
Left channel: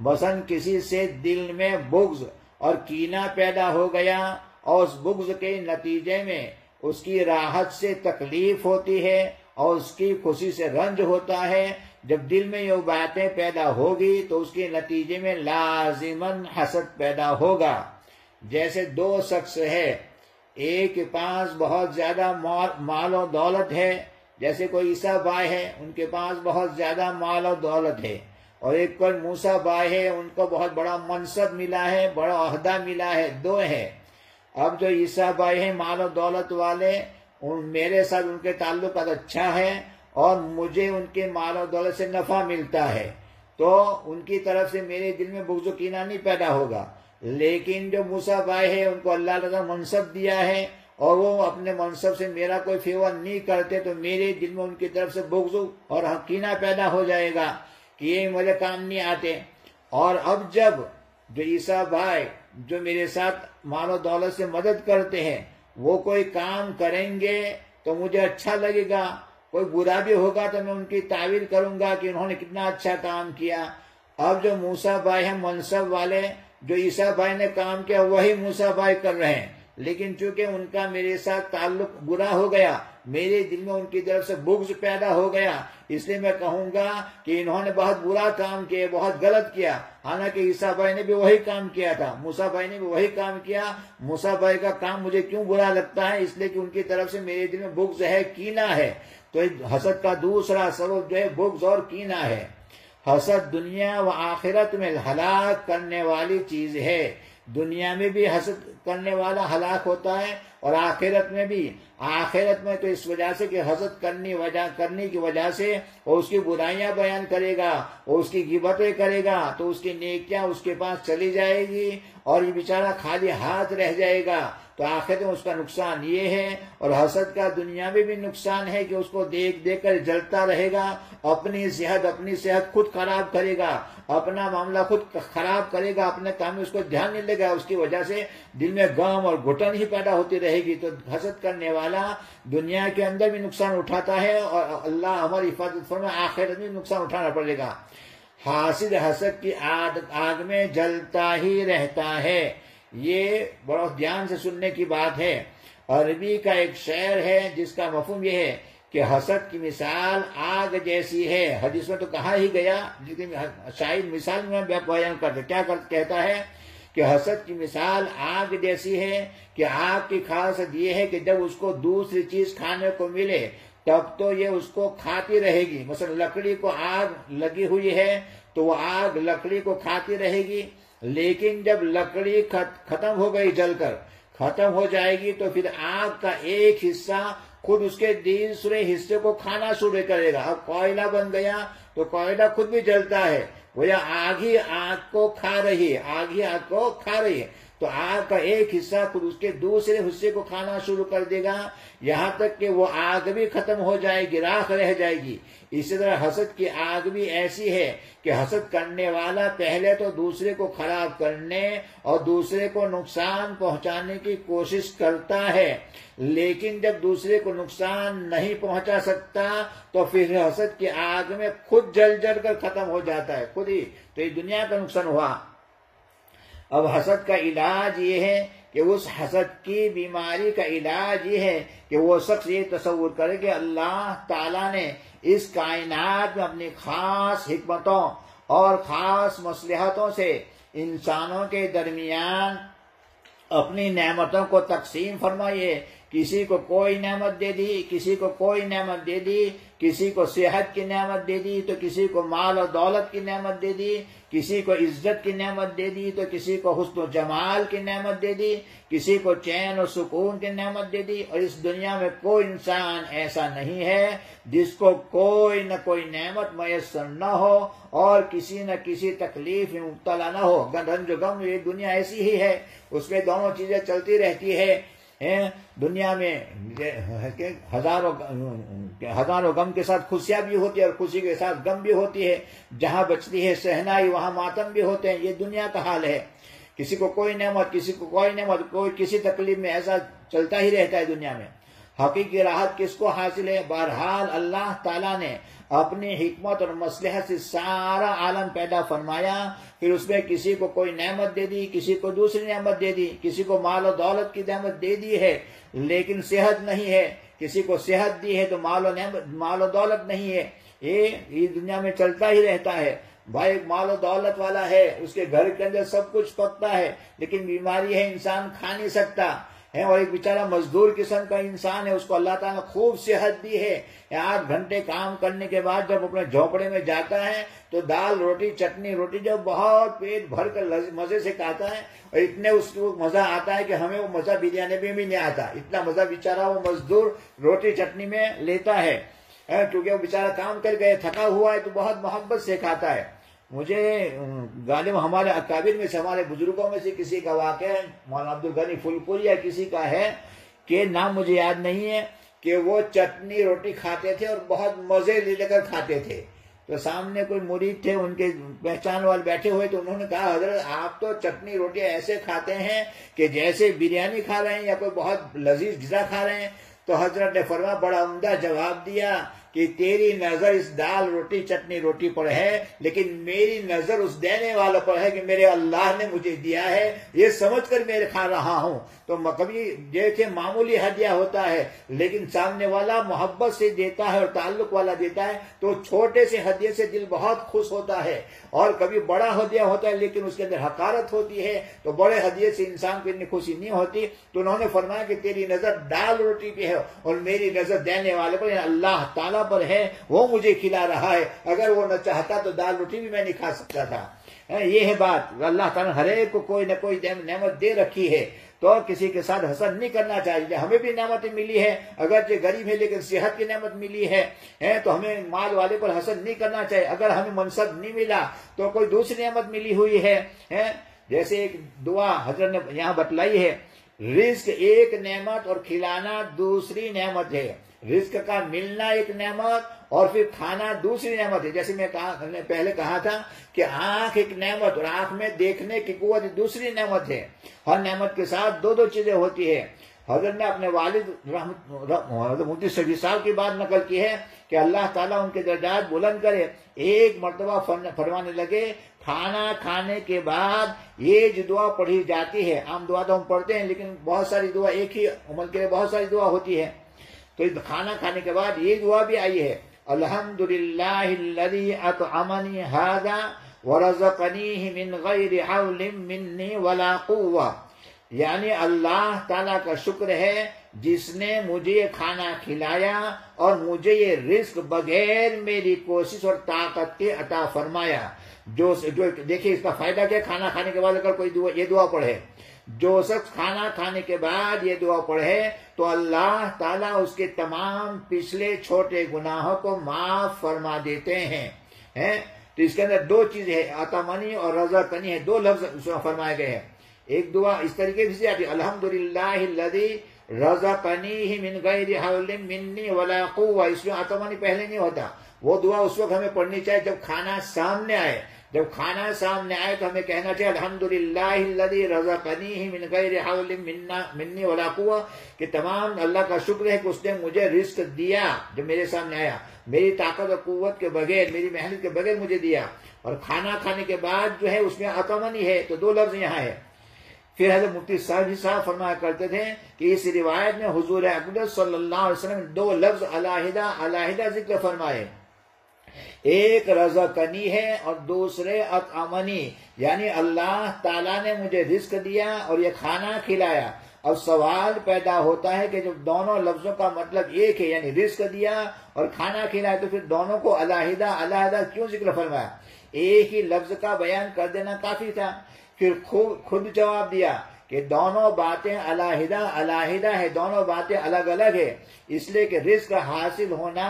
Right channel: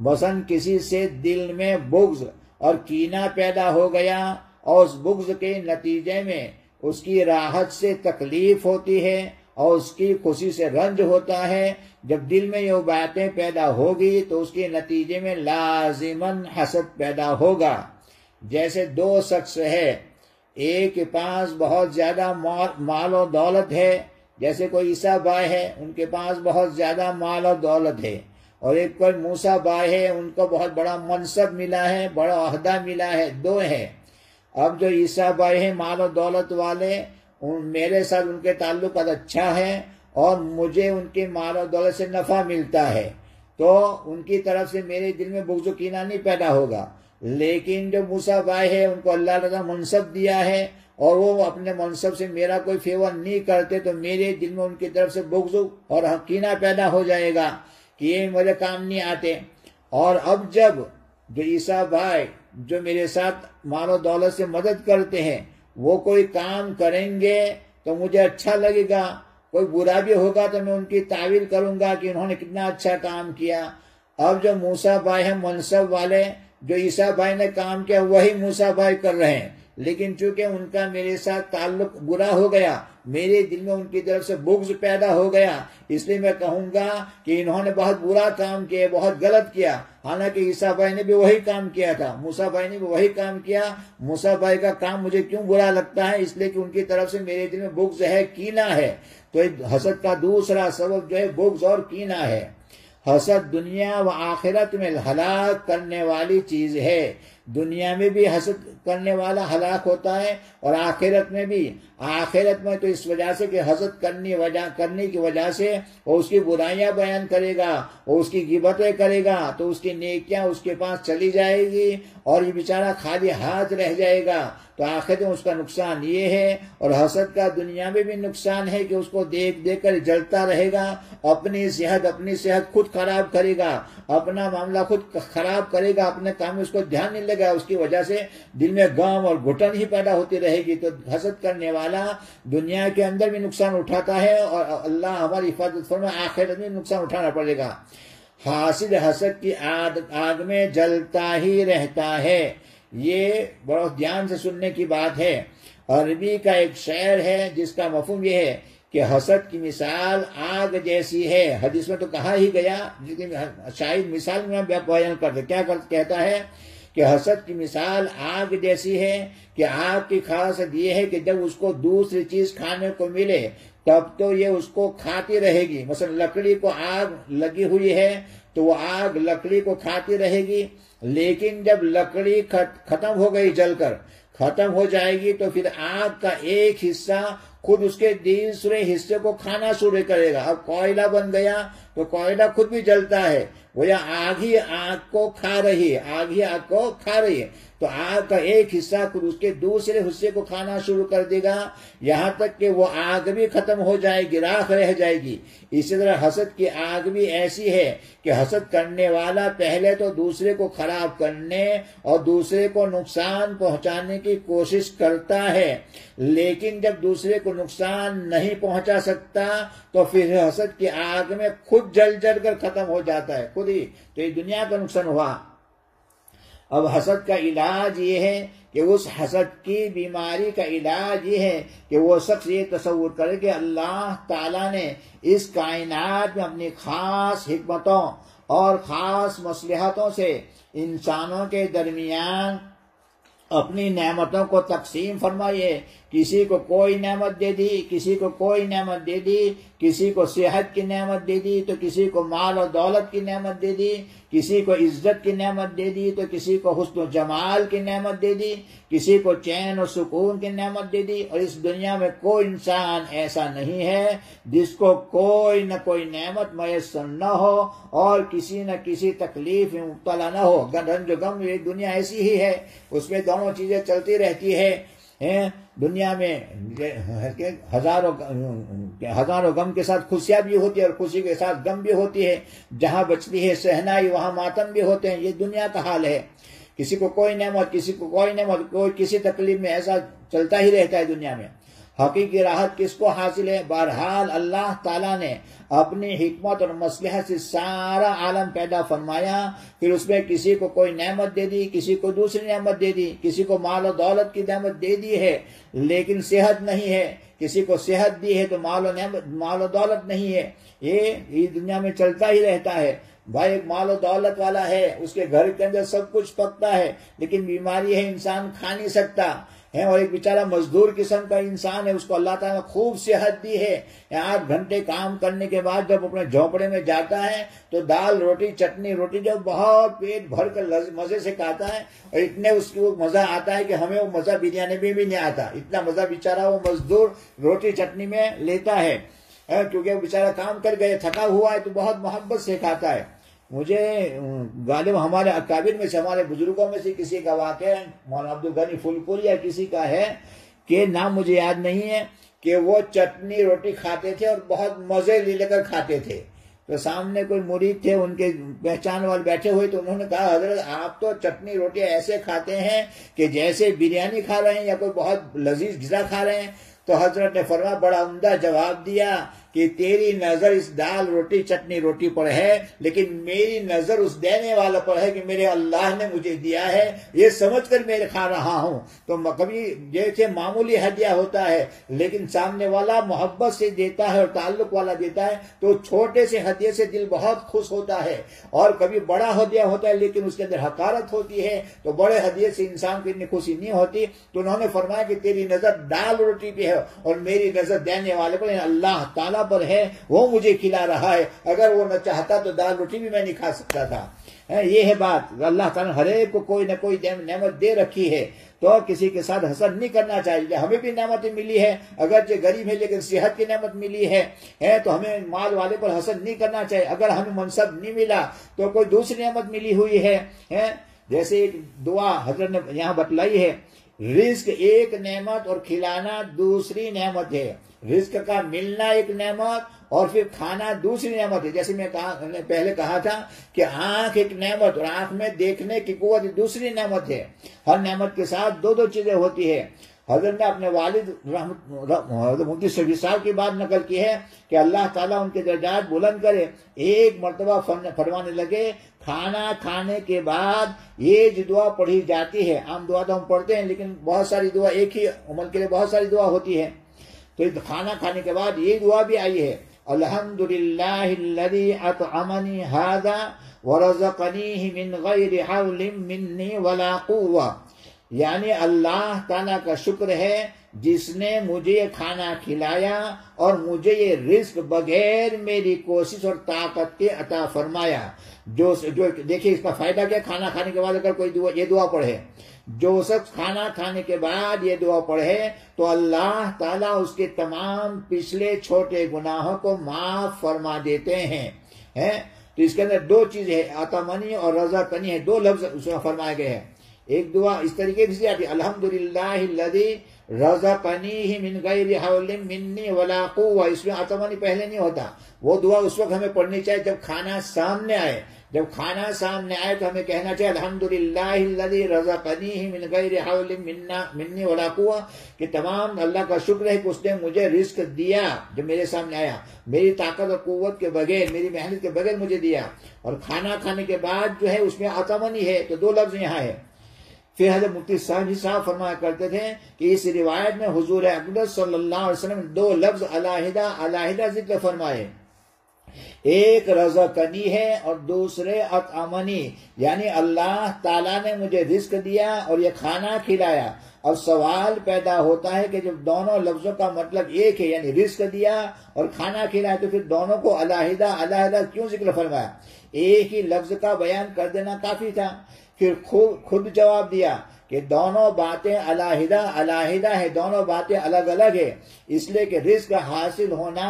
مثلا کسی سے دل میں بغض اور کینہ پیدا ہو گیا اور اس بغض کے نتیجے میں اس کی راحت سے تکلیف ہوتی ہے اور اس کی خوشی سے رنج ہوتا ہے۔ جب دل میں یہ باتیں پیدا ہوگی تو اس کے نتیجے میں لازماً حسد پیدا ہوگا۔ جیسے دو شخص ہے، ایک کے پاس بہت زیادہ مال و دولت ہے، جیسے کوئی عیسیٰ بھائی ہے، ان کے پاس بہت زیادہ مال و دولت ہے، اور ایک کوئی موسیٰ بھائی ہے، ان کو بہت بڑا منصب ملا ہے، بڑا عہدہ ملا ہے، دو ہے۔ اب جو عیسیٰ بھائی ہیں مال و دولت والے، میرے ساتھ ان کے تعلقات اچھا ہے اور مجھے ان کے مال و دولت سے نفع ملتا ہے، تو ان کی طرف سے میرے دل میں بغض و کینہ نہیں پیدا ہوگا۔ لیکن جو موسیٰ بھائی ہے، ان کو اللہ تعالیٰ نے منصب دیا ہے اور وہ اپنے منصب سے میرا کوئی فیور نہیں کرتے، تو میرے دل میں ان کی طرف سے بغض اور کینہ پیدا ہو جائے گا کہ یہ میرے کام نہیں آتے۔ اور اب جب جو عیسیٰ بھائی جو میرے ساتھ مال و دولت سے مدد کرتے ہیں، وہ کوئی کام کریں گے تو مجھے اچھا لگے گا، کوئی برا بھی ہوگا تو میں ان کی تعریف کروں گا کہ انہوں نے کتنا اچھا کام کیا۔ اب جو موسیٰ بھائی ہیں منصب والے، جو عیسیٰ بھائی نے کام کیا وہی موسیٰ بھائی کر رہے ہیں، لیکن چونکہ ان کا میرے ساتھ تعلق برا ہو گیا، میرے دل میں ان کی طرف سے بغض پیدا ہو گیا، اس لیے میں کہوں گا کہ انہوں نے بہت برا کام کیا، بہت غلط کیا۔ حالانکہ عیسیٰ بھائی نے بھی وہی کام کیا تھا، موسیٰ بھائی نے بھی وہی کام کیا۔ موسیٰ بھائی کا کام مجھے کیوں برا لگتا ہے؟ اس لیے کہ ان کی طرف سے میرے دل میں بغض ہے، کینہ ہے۔ تو حسد کا دوسرا سبب جو ہے بغض اور کینہ ہے۔ حسد دنیا و آخرت میں ہلاک کرنے والی چیز ہے۔ دنیا میں بھی حسد کرنے والا ہلاک ہوتا ہے اور آخرت میں بھی۔ آخرت میں تو اس وجہ سے کہ حسد کرنے کی وجہ سے وہ اس کی برائیاں بیان کرے گا، وہ اس کی غیبتیں کرے گا، تو اس کی نیکیاں اس کے پاس چلی جائے گی اور یہ بیچارہ خالی ہاتھ رہ جائے گا۔ تو آخرت میں اس کا نقصان یہ ہے، اور حسد کا دنیا میں بھی نقصان ہے کہ اس کو دیکھ دیکھ کر جلتا رہے گا، اپنی صحت خود خراب کرے گا، اپنا معاملہ خود خراب کرے گا، اپنے کام میں اس کو دھیان نہیں لگا، اس کی وجہ سے دل میں غم اور گھٹن ہی پیدا ہوتی رہے گی۔ تو حسد کرنے والا دنیا کے اندر بھی نقصان اٹھاتا ہے اور اللہ ہماری حفاظت فرمائے آخرت میں نقصان اٹھانا پڑے گا۔ حاسد حسد کی آگ میں جلتا ہی رہتا ہے۔ یہ بہت دھیان سے سننے کی بات ہے۔ عربی کا ایک شعر ہے جس کا مفہوم یہ ہے کہ حسد کی مثال آگ جیسی ہے۔ حدیث میں تو کہا ہی گیا، لیکن شاید مثال میں بیان کرتے کیا کہتا ہے کہ حسد کی مثال آگ جیسی ہے، کہ آگ کی خاصیت یہ ہے کہ جب اس کو دوسری چیز کھانے کو ملے تب تو یہ اس کو کھاتی رہے گی۔ مثلا لکڑی کو آگ لگی ہوئی ہے تو وہ آگ لکڑی کو کھاتی رہے گی، لیکن جب لکڑی ختم ہو گئی، جل کر ختم ہو جائے گی، تو پھر آگ کا ایک حصہ خود اس کے دوسرے حصے کو کھانا شروع کرے گا۔ اب کوئلہ بن گیا تو کوئلہ خود بھی جلتا ہے، وہ آگ ہی آگ کو کھا رہی ہے، تو آگ کا ایک حصہ خود اس کے دوسرے حصے کو کھانا شروع کر دے گا، یہاں تک کہ وہ آگ بھی ختم ہو جائے گی، راکھ رہ جائے گی۔ اسی طرح حسد کی آگ بھی ایسی ہے کہ حسد کرنے والا پہلے تو دوسرے کو خراب کرنے اور دوسرے کو نقصان پہنچانے کی کوشش کرتا ہے، لیکن جب دوسرے کو نقصان نہیں پہنچا سکتا تو پھر حسد کی آگ میں خود جل کر ختم ہو جاتا ہے، خود ہی۔ تو یہ دنیا کا نقصان ہوا۔ اب حسد کا علاج یہ ہے کہ اس حسد کی بیماری کا علاج یہ ہے کہ وہ شخص یہ تصور کرے کہ اللہ تعالیٰ نے اس کائنات میں اپنی خاص حکمتوں اور خاص مصلحتوں سے انسانوں کے درمیان اپنی نعمتوں کو تقسیم فرمائیے۔ کسی کو کوئی نعمت دے دی، کسی کو کوئی نعمت دے دی، کسی کو صحت کی نعمت دے دی تو کسی کو مال و دولت کی نعمت دے دی، کسی کو عزت کی نعمت دے دی تو کسی کو حسن و جمال کی نعمت دے دی، کسی کو چین و سکون کی نعمت دے دی۔ اور اس دنیا میں کوئی انسان ایسا نہیں ہے جس کو کوئی نہ کوئی نعمت میسر نہ ہو اور کسی نہ کسی تکلیف میں مبتلا نہ ہو۔ رنج و غم یہ دنیا ایسی ہی ہے، اس میں دونوں چیزیں چلتی رہتی ہے۔ دنیا میں ہزاروں غم کے ساتھ خوشیاں بھی ہوتی ہے اور خوشی کے ساتھ غم بھی ہوتی ہے، جہاں بچتی ہے شہنائی وہاں ماتم بھی ہوتے ہیں۔ یہ دنیا کا حال ہے، کسی کو کوئی نعمت، کسی کو کوئی نعمت، کوئی کسی تکلیف میں، ایسا چلتا ہی رہتا ہے دنیا میں۔ حقیقی راحت کس کو حاصل ہے؟ بہرحال اللہ تعالیٰ نے اپنی حکمت اور مصلحت سے سارا عالم پیدا فرمایا، پھر اس میں کسی کو کوئی نعمت دے دی، کسی کو دوسری نعمت دے دی، کسی کو مال و دولت کی نعمت دے دی ہے لیکن صحت نہیں ہے، کسی کو صحت دی ہے تو مال و دولت نہیں ہے۔ یہ دنیا میں چلتا ہی رہتا ہے۔ بھائی ایک مال و دولت والا ہے، اس کے گھر کے اندر سب کچھ پکتا ہے لیکن بیماری ہے، انسان کھا نہیں سکتا ہے، اور ایک بیچارہ مزدور قسم کا انسان ہے، اس کو اللہ تعالیٰ نے خوب صحت دی ہے، 8 گھنٹے کام کرنے کے بعد جب اپنے جھونپڑے میں جاتا ہے تو دال روٹی چٹنی روٹی جب بہت پیٹ بھر کر مزے سے کھاتا ہے، اور اتنے اس کو مزہ آتا ہے کہ ہمیں وہ مزہ بریانی میں بھی نہیں آتا، اتنا مزہ بیچارہ وہ مزدور روٹی چٹنی میں لیتا ہے، کیونکہ وہ بیچارہ کام کر گئے تھکا ہوا ہے تو بہت محبت سے کھاتا ہے۔ مجھے غالب ہمارے اکابر میں سے، ہمارے بزرگوں میں سے کسی کا واقعہ مولانا عبدالغنی پھولپوری یا کسی کا ہے کہ نام مجھے یاد نہیں ہے، کہ وہ چٹنی روٹی کھاتے تھے اور بہت مزے لے کر کھاتے تھے۔ تو سامنے کوئی مرید تھے، ان کے پہچان والے بیٹھے ہوئے، تو انہوں نے کہا حضرت آپ تو چٹنی روٹی ایسے کھاتے ہیں کہ جیسے بریانی کھا رہے ہیں یا کوئی بہت لذیذ غذا کھا رہے ہیں۔ تو حضرت نے فرمایا، بڑا عمدہ جواب دیا کہ تیری نظر اس دال روٹی چٹنی روٹی پر ہے لیکن میری نظر اس دینے والا پر ہے کہ میرے اللہ نے مجھے دیا ہے، یہ سمجھ کر میں کھا رہا ہوں۔ تو کبھی جیسے معمولی ہدیہ ہوتا ہے لیکن سامنے والا محبت سے دیتا ہے اور تعلق والا دیتا ہے تو چھوٹے سے ہدیے سے دل بہت خوش ہوتا ہے، اور کبھی بڑا ہدیہ ہوتا ہے لیکن اس کے اندر حقارت ہوتی ہے تو بڑے ہدیے سے انسان کو اتنی خوشی نہیں ہوتی۔ تو انہوں نے فرمایا کہ تیری نظر دال روٹی پہ ہے اور میری نظر دینے والے پر، اللہ تعالیٰ پر ہے، وہ مجھے کھلا رہا ہے، اگر وہ نہ چاہتا تو دال روٹی بھی میں نہیں کھا سکتا تھا۔ یہ ہے بات، اللہ تعالیٰ نے ہر ایک کو کوئی نہ کوئی نعمت دے رکھی ہے تو کسی کے ساتھ حسد نہیں کرنا چاہیے۔ ہمیں بھی نعمتیں ملی ہے، اگرچہ غریب ہے لیکن صحت کی نعمت ملی ہے تو ہمیں مال والے پر حسد نہیں کرنا چاہیے۔ اگر ہمیں منصب نہیں ملا تو کوئی دوسری نعمت ملی ہوئی ہے، جیسے ایک دعا حضرت نے یہاں بتلائی ہے، رزق ایک نعمت اور کھلانا دوسری نعمت ہے۔ رزق کا ملنا ایک نعمت اور پھر کھانا دوسری نعمت ہے۔ جیسے میں پہلے کہا تھا کہ آنکھ ایک نعمت اور آنکھ میں دیکھنے کی قوت دوسری نعمت ہے۔ ہر نعمت کے ساتھ دو چیزیں ہوتی ہے۔ حضرت نے اپنے والد حضرت مفتی شفیع صاحب کی بات نقل کی ہے کہ اللہ تعالیٰ ان کے درجات بلند کرے، ایک مرتبہ فرمانے لگے کھانا کھانے کے بعد یہ جو دعا پڑھی جاتی ہے، عام دعا تو ہم پڑھتے ہیں لیکن بہت ساری دعا، ایک ہی عمل کے لیے بہت ساری دعا ہوتی ہے، تو کھانا کھانے کے بعد یہ دعا بھی آئی ہے، الحمدللہ الذی اطعمنی ھذا ورزقنیہ من غیر حول منی ولا قوہ، یعنی اللہ تعالیٰ کا شکر ہے جس نے مجھے کھانا کھلایا اور مجھے یہ رزق بغیر میری کوشش اور طاقت کے عطا فرمایا۔ جو دیکھیں اس کا فائدہ کیا، کھانا کھانے کے بعد اگر کوئی یہ دعا پڑھے، جو شخص کھانا کھانے کے بعد یہ دعا پڑھے تو اللہ تعالیٰ اس کے تمام پچھلے چھوٹے گناہوں کو معاف فرما دیتے ہیں۔ تو اس کے اندر دو چیزیں ہیں، اطعمنی اور رزقنی ہے، دو لفظ اس میں فرمائے گئے ہیں۔ ایک دعا اس طریقے سے آتی ہے، الحمدللہ الذی رزقنیہ من غیر حول منی ولا قوہ، اس میں اطعمنی پہلے نہیں ہوتا۔ وہ دعا اس وقت ہمیں پڑھنی چاہیے جب کھانا سامنے آئے، جب کھانا سامنے آئے تو ہمیں کہنا چاہیے الحمدللہ الذی رزقنیہ من غیر حول منی ولا قوہ، کہ تمام اللہ کا شکر ہے کہ اس نے مجھے رزق دیا جب میرے سامنے آیا، میری طاقت اور قوت کے بغیر، میری محنت کے بغیر مجھے دیا۔ اور کھانا کھانے کے بعد جو ہے اس میں اطعمنی ہے، تو دو لفظ یہاں ہے۔ پھر حضرت مفتی صاحب فرمایا کرتے تھے کہ اس روایت میں حضور اقدس صلی اللہ علیہ وسلم دو لفظ علیحدہ ذکر فرمائے، ایک رزقنی ہے اور دوسرے اطعمنی، یعنی اللہ تعالیٰ نے مجھے رزق دیا اور یہ کھانا کھلایا۔ اب سوال پیدا ہوتا ہے کہ جب دونوں لفظوں کا مطلب ایک ہے، یعنی رزق دیا اور کھانا کھلایا، تو پھر دونوں کو علیحدہ کیوں ذکر فرمایا؟ ایک ہی لفظ کا بیان کر دینا کافی تھا۔ پھر خود جواب دیا کہ دونوں باتیں علیحدہ ہے، دونوں باتیں الگ الگ ہے، اس لیے کہ رزق حاصل ہونا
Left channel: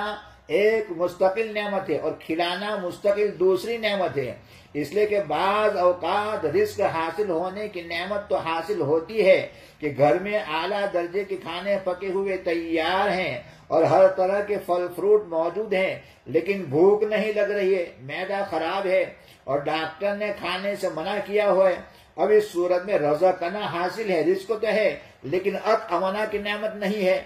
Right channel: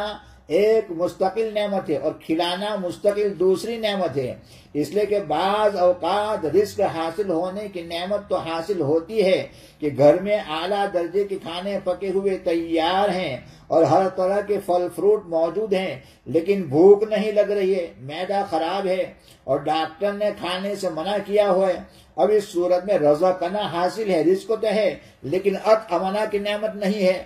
ایک مستقل نعمت ہے اور کھلانا مستقل دوسری نعمت ہے، اس لیے کہ بعض اوقات رزق حاصل ہونے کی نعمت تو حاصل ہوتی ہے کہ گھر میں اعلیٰ درجے کے کھانے پکے ہوئے تیار ہیں اور ہر طرح کے پھل فروٹ موجود ہیں، لیکن بھوک نہیں لگ رہی ہے، معدہ خراب ہے اور ڈاکٹر نے کھانے سے منع کیا ہوا ہے۔ اب اس صورت میں رزقنا حاصل ہے، رزق تو ہے لیکن اطعمنا کی نعمت نہیں ہے،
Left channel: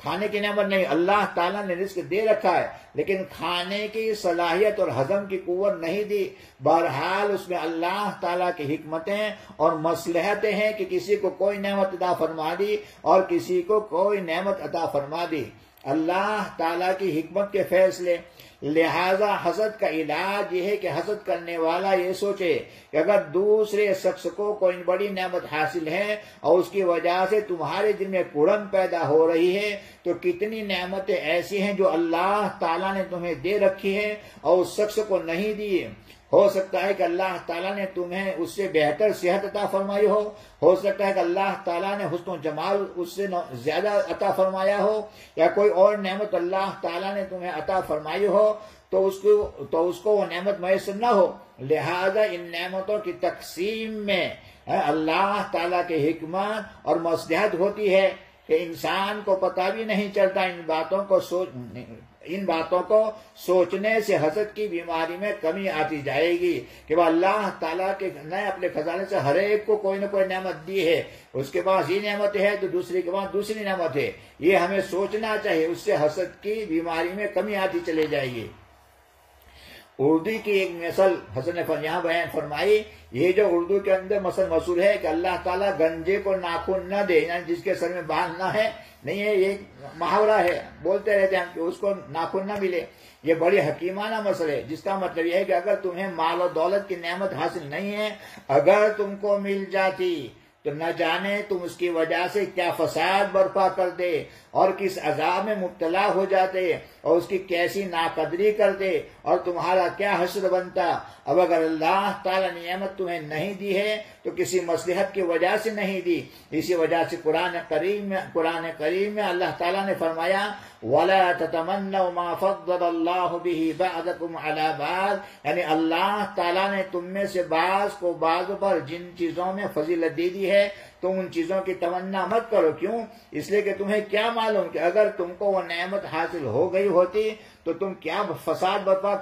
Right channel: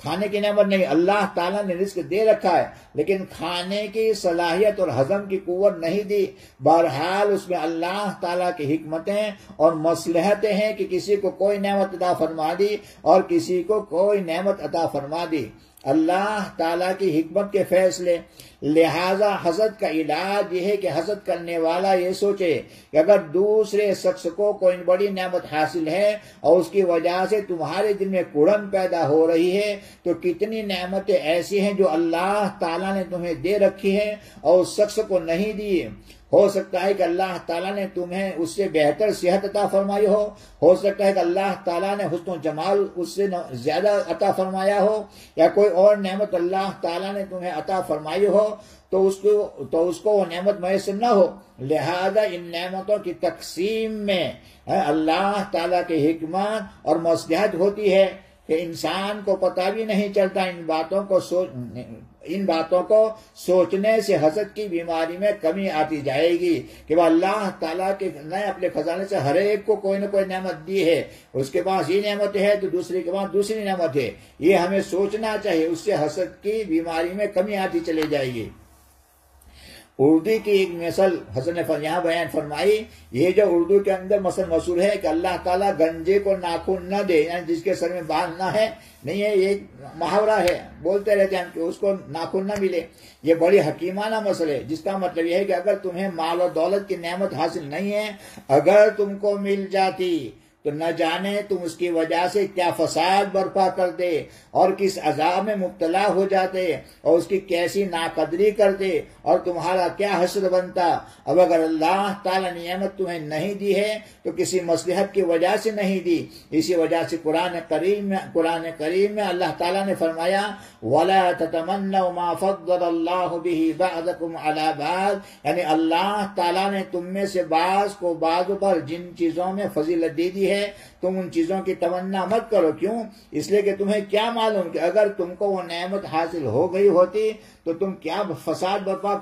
کھانے کی نعمت نہیں، اللہ تعالیٰ نے رزق دے رکھا ہے لیکن کھانے کی صلاحیت اور ہضم کی قوت نہیں دی۔ بہرحال اس میں اللہ تعالیٰ کی حکمتیں اور مصلحتیں ہیں کہ کسی کو کوئی نعمت عطا فرما دی اور کسی کو کوئی نعمت عطا فرما دی، اللہ تعالیٰ کی حکمت کے فیصلے۔ لہذا حسد کا علاج یہ ہے کہ حسد کرنے والا یہ سوچے کہ اگر دوسرے شخص کو کوئی بڑی نعمت حاصل ہے اور اس کی وجہ سے تمہارے دل میں کڑن پیدا ہو رہی ہے تو کتنی نعمتیں ایسی ہیں جو اللہ تعالیٰ نے تمہیں دے رکھی ہے اور اس شخص کو نہیں دی۔ ہو سکتا ہے کہ اللہ تعالیٰ نے تمہیں اس سے بہتر صحت عطا فرمائی ہو سکتا ہے کہ اللہ تعالیٰ نے حسن و جمال اس سے زیادہ عطا فرمایا ہو، یا کوئی اور نعمت اللہ تعالیٰ نے تمہیں عطا فرمائی ہو تو اس کو وہ نعمت میسر نہ ہو۔ لہذا ان نعمتوں کی تقسیم میں اللہ تعالیٰ کی حکمت اور مصلحت ہوتی ہے کہ انسان کو پتہ بھی نہیں چلتا۔ ان باتوں کو سوچنے سے حسد کی بیماری میں کمی آتی جائے گی کہ وہ اللہ تعالیٰ کے نے اپنے خزانے سے ہر ایک کو کوئی نہ کوئی نعمت دی ہے، اس کے پاس یہ نعمت ہے تو دوسرے کے پاس دوسری نعمت ہے، یہ ہمیں سوچنا چاہیے، اس سے حسد کی بیماری میں کمی آتی چلی جائے گی۔ اردو کی ایک مثل حسن نے یہاں بیان فرمائی، یہ جو اردو کے اندر مثل مشہور ہے کہ اللہ تعالیٰ گنجے کو ناخن نہ دے، یعنی جس کے سر میں بال نہ ہے، نہیں ہے، یہ ایک محاورہ ہے، بولتے رہتے ہیں ہم کہ اس کو ناخن نہ ملے۔ یہ بڑی حکیمانہ مسئلہ ہے، جس کا مطلب یہ ہے کہ اگر تمہیں مال و دولت کی نعمت حاصل نہیں ہے، اگر تم کو مل جاتی تو نہ جانے تم اس کی وجہ سے کیا فساد برپا کرتے اور کس عذاب میں مبتلا ہو جاتے اور اس کی کیسی ناقدری کرتے اور تمہارا کیا حشر بنتا۔ اب اگر اللہ تعالیٰ نے نعمت تمہیں نہیں دی ہے تو کسی مصلحت کی وجہ سے نہیں دی، اسی وجہ سے قرآن کریم میں اللہ تعالیٰ نے فرمایا وَلَا تَتَمَنَّوْا مَا فَضَّلَ اللَّهُ بِهِ بَعْضَكُمْ عَلَى بَعْضٍ، یعنی اللہ تعالیٰ نے تم میں سے بعض کو بعض پر جن چیزوں میں فضیلت دے دی ہے تم ان چیزوں کی تمنا مت کرو۔ کیوں؟ اس لیے کہ تمہیں کیا معلوم کہ اگر تم کو وہ نعمت حاصل ہو گئی ہوتی تو تم کیا فساد برپا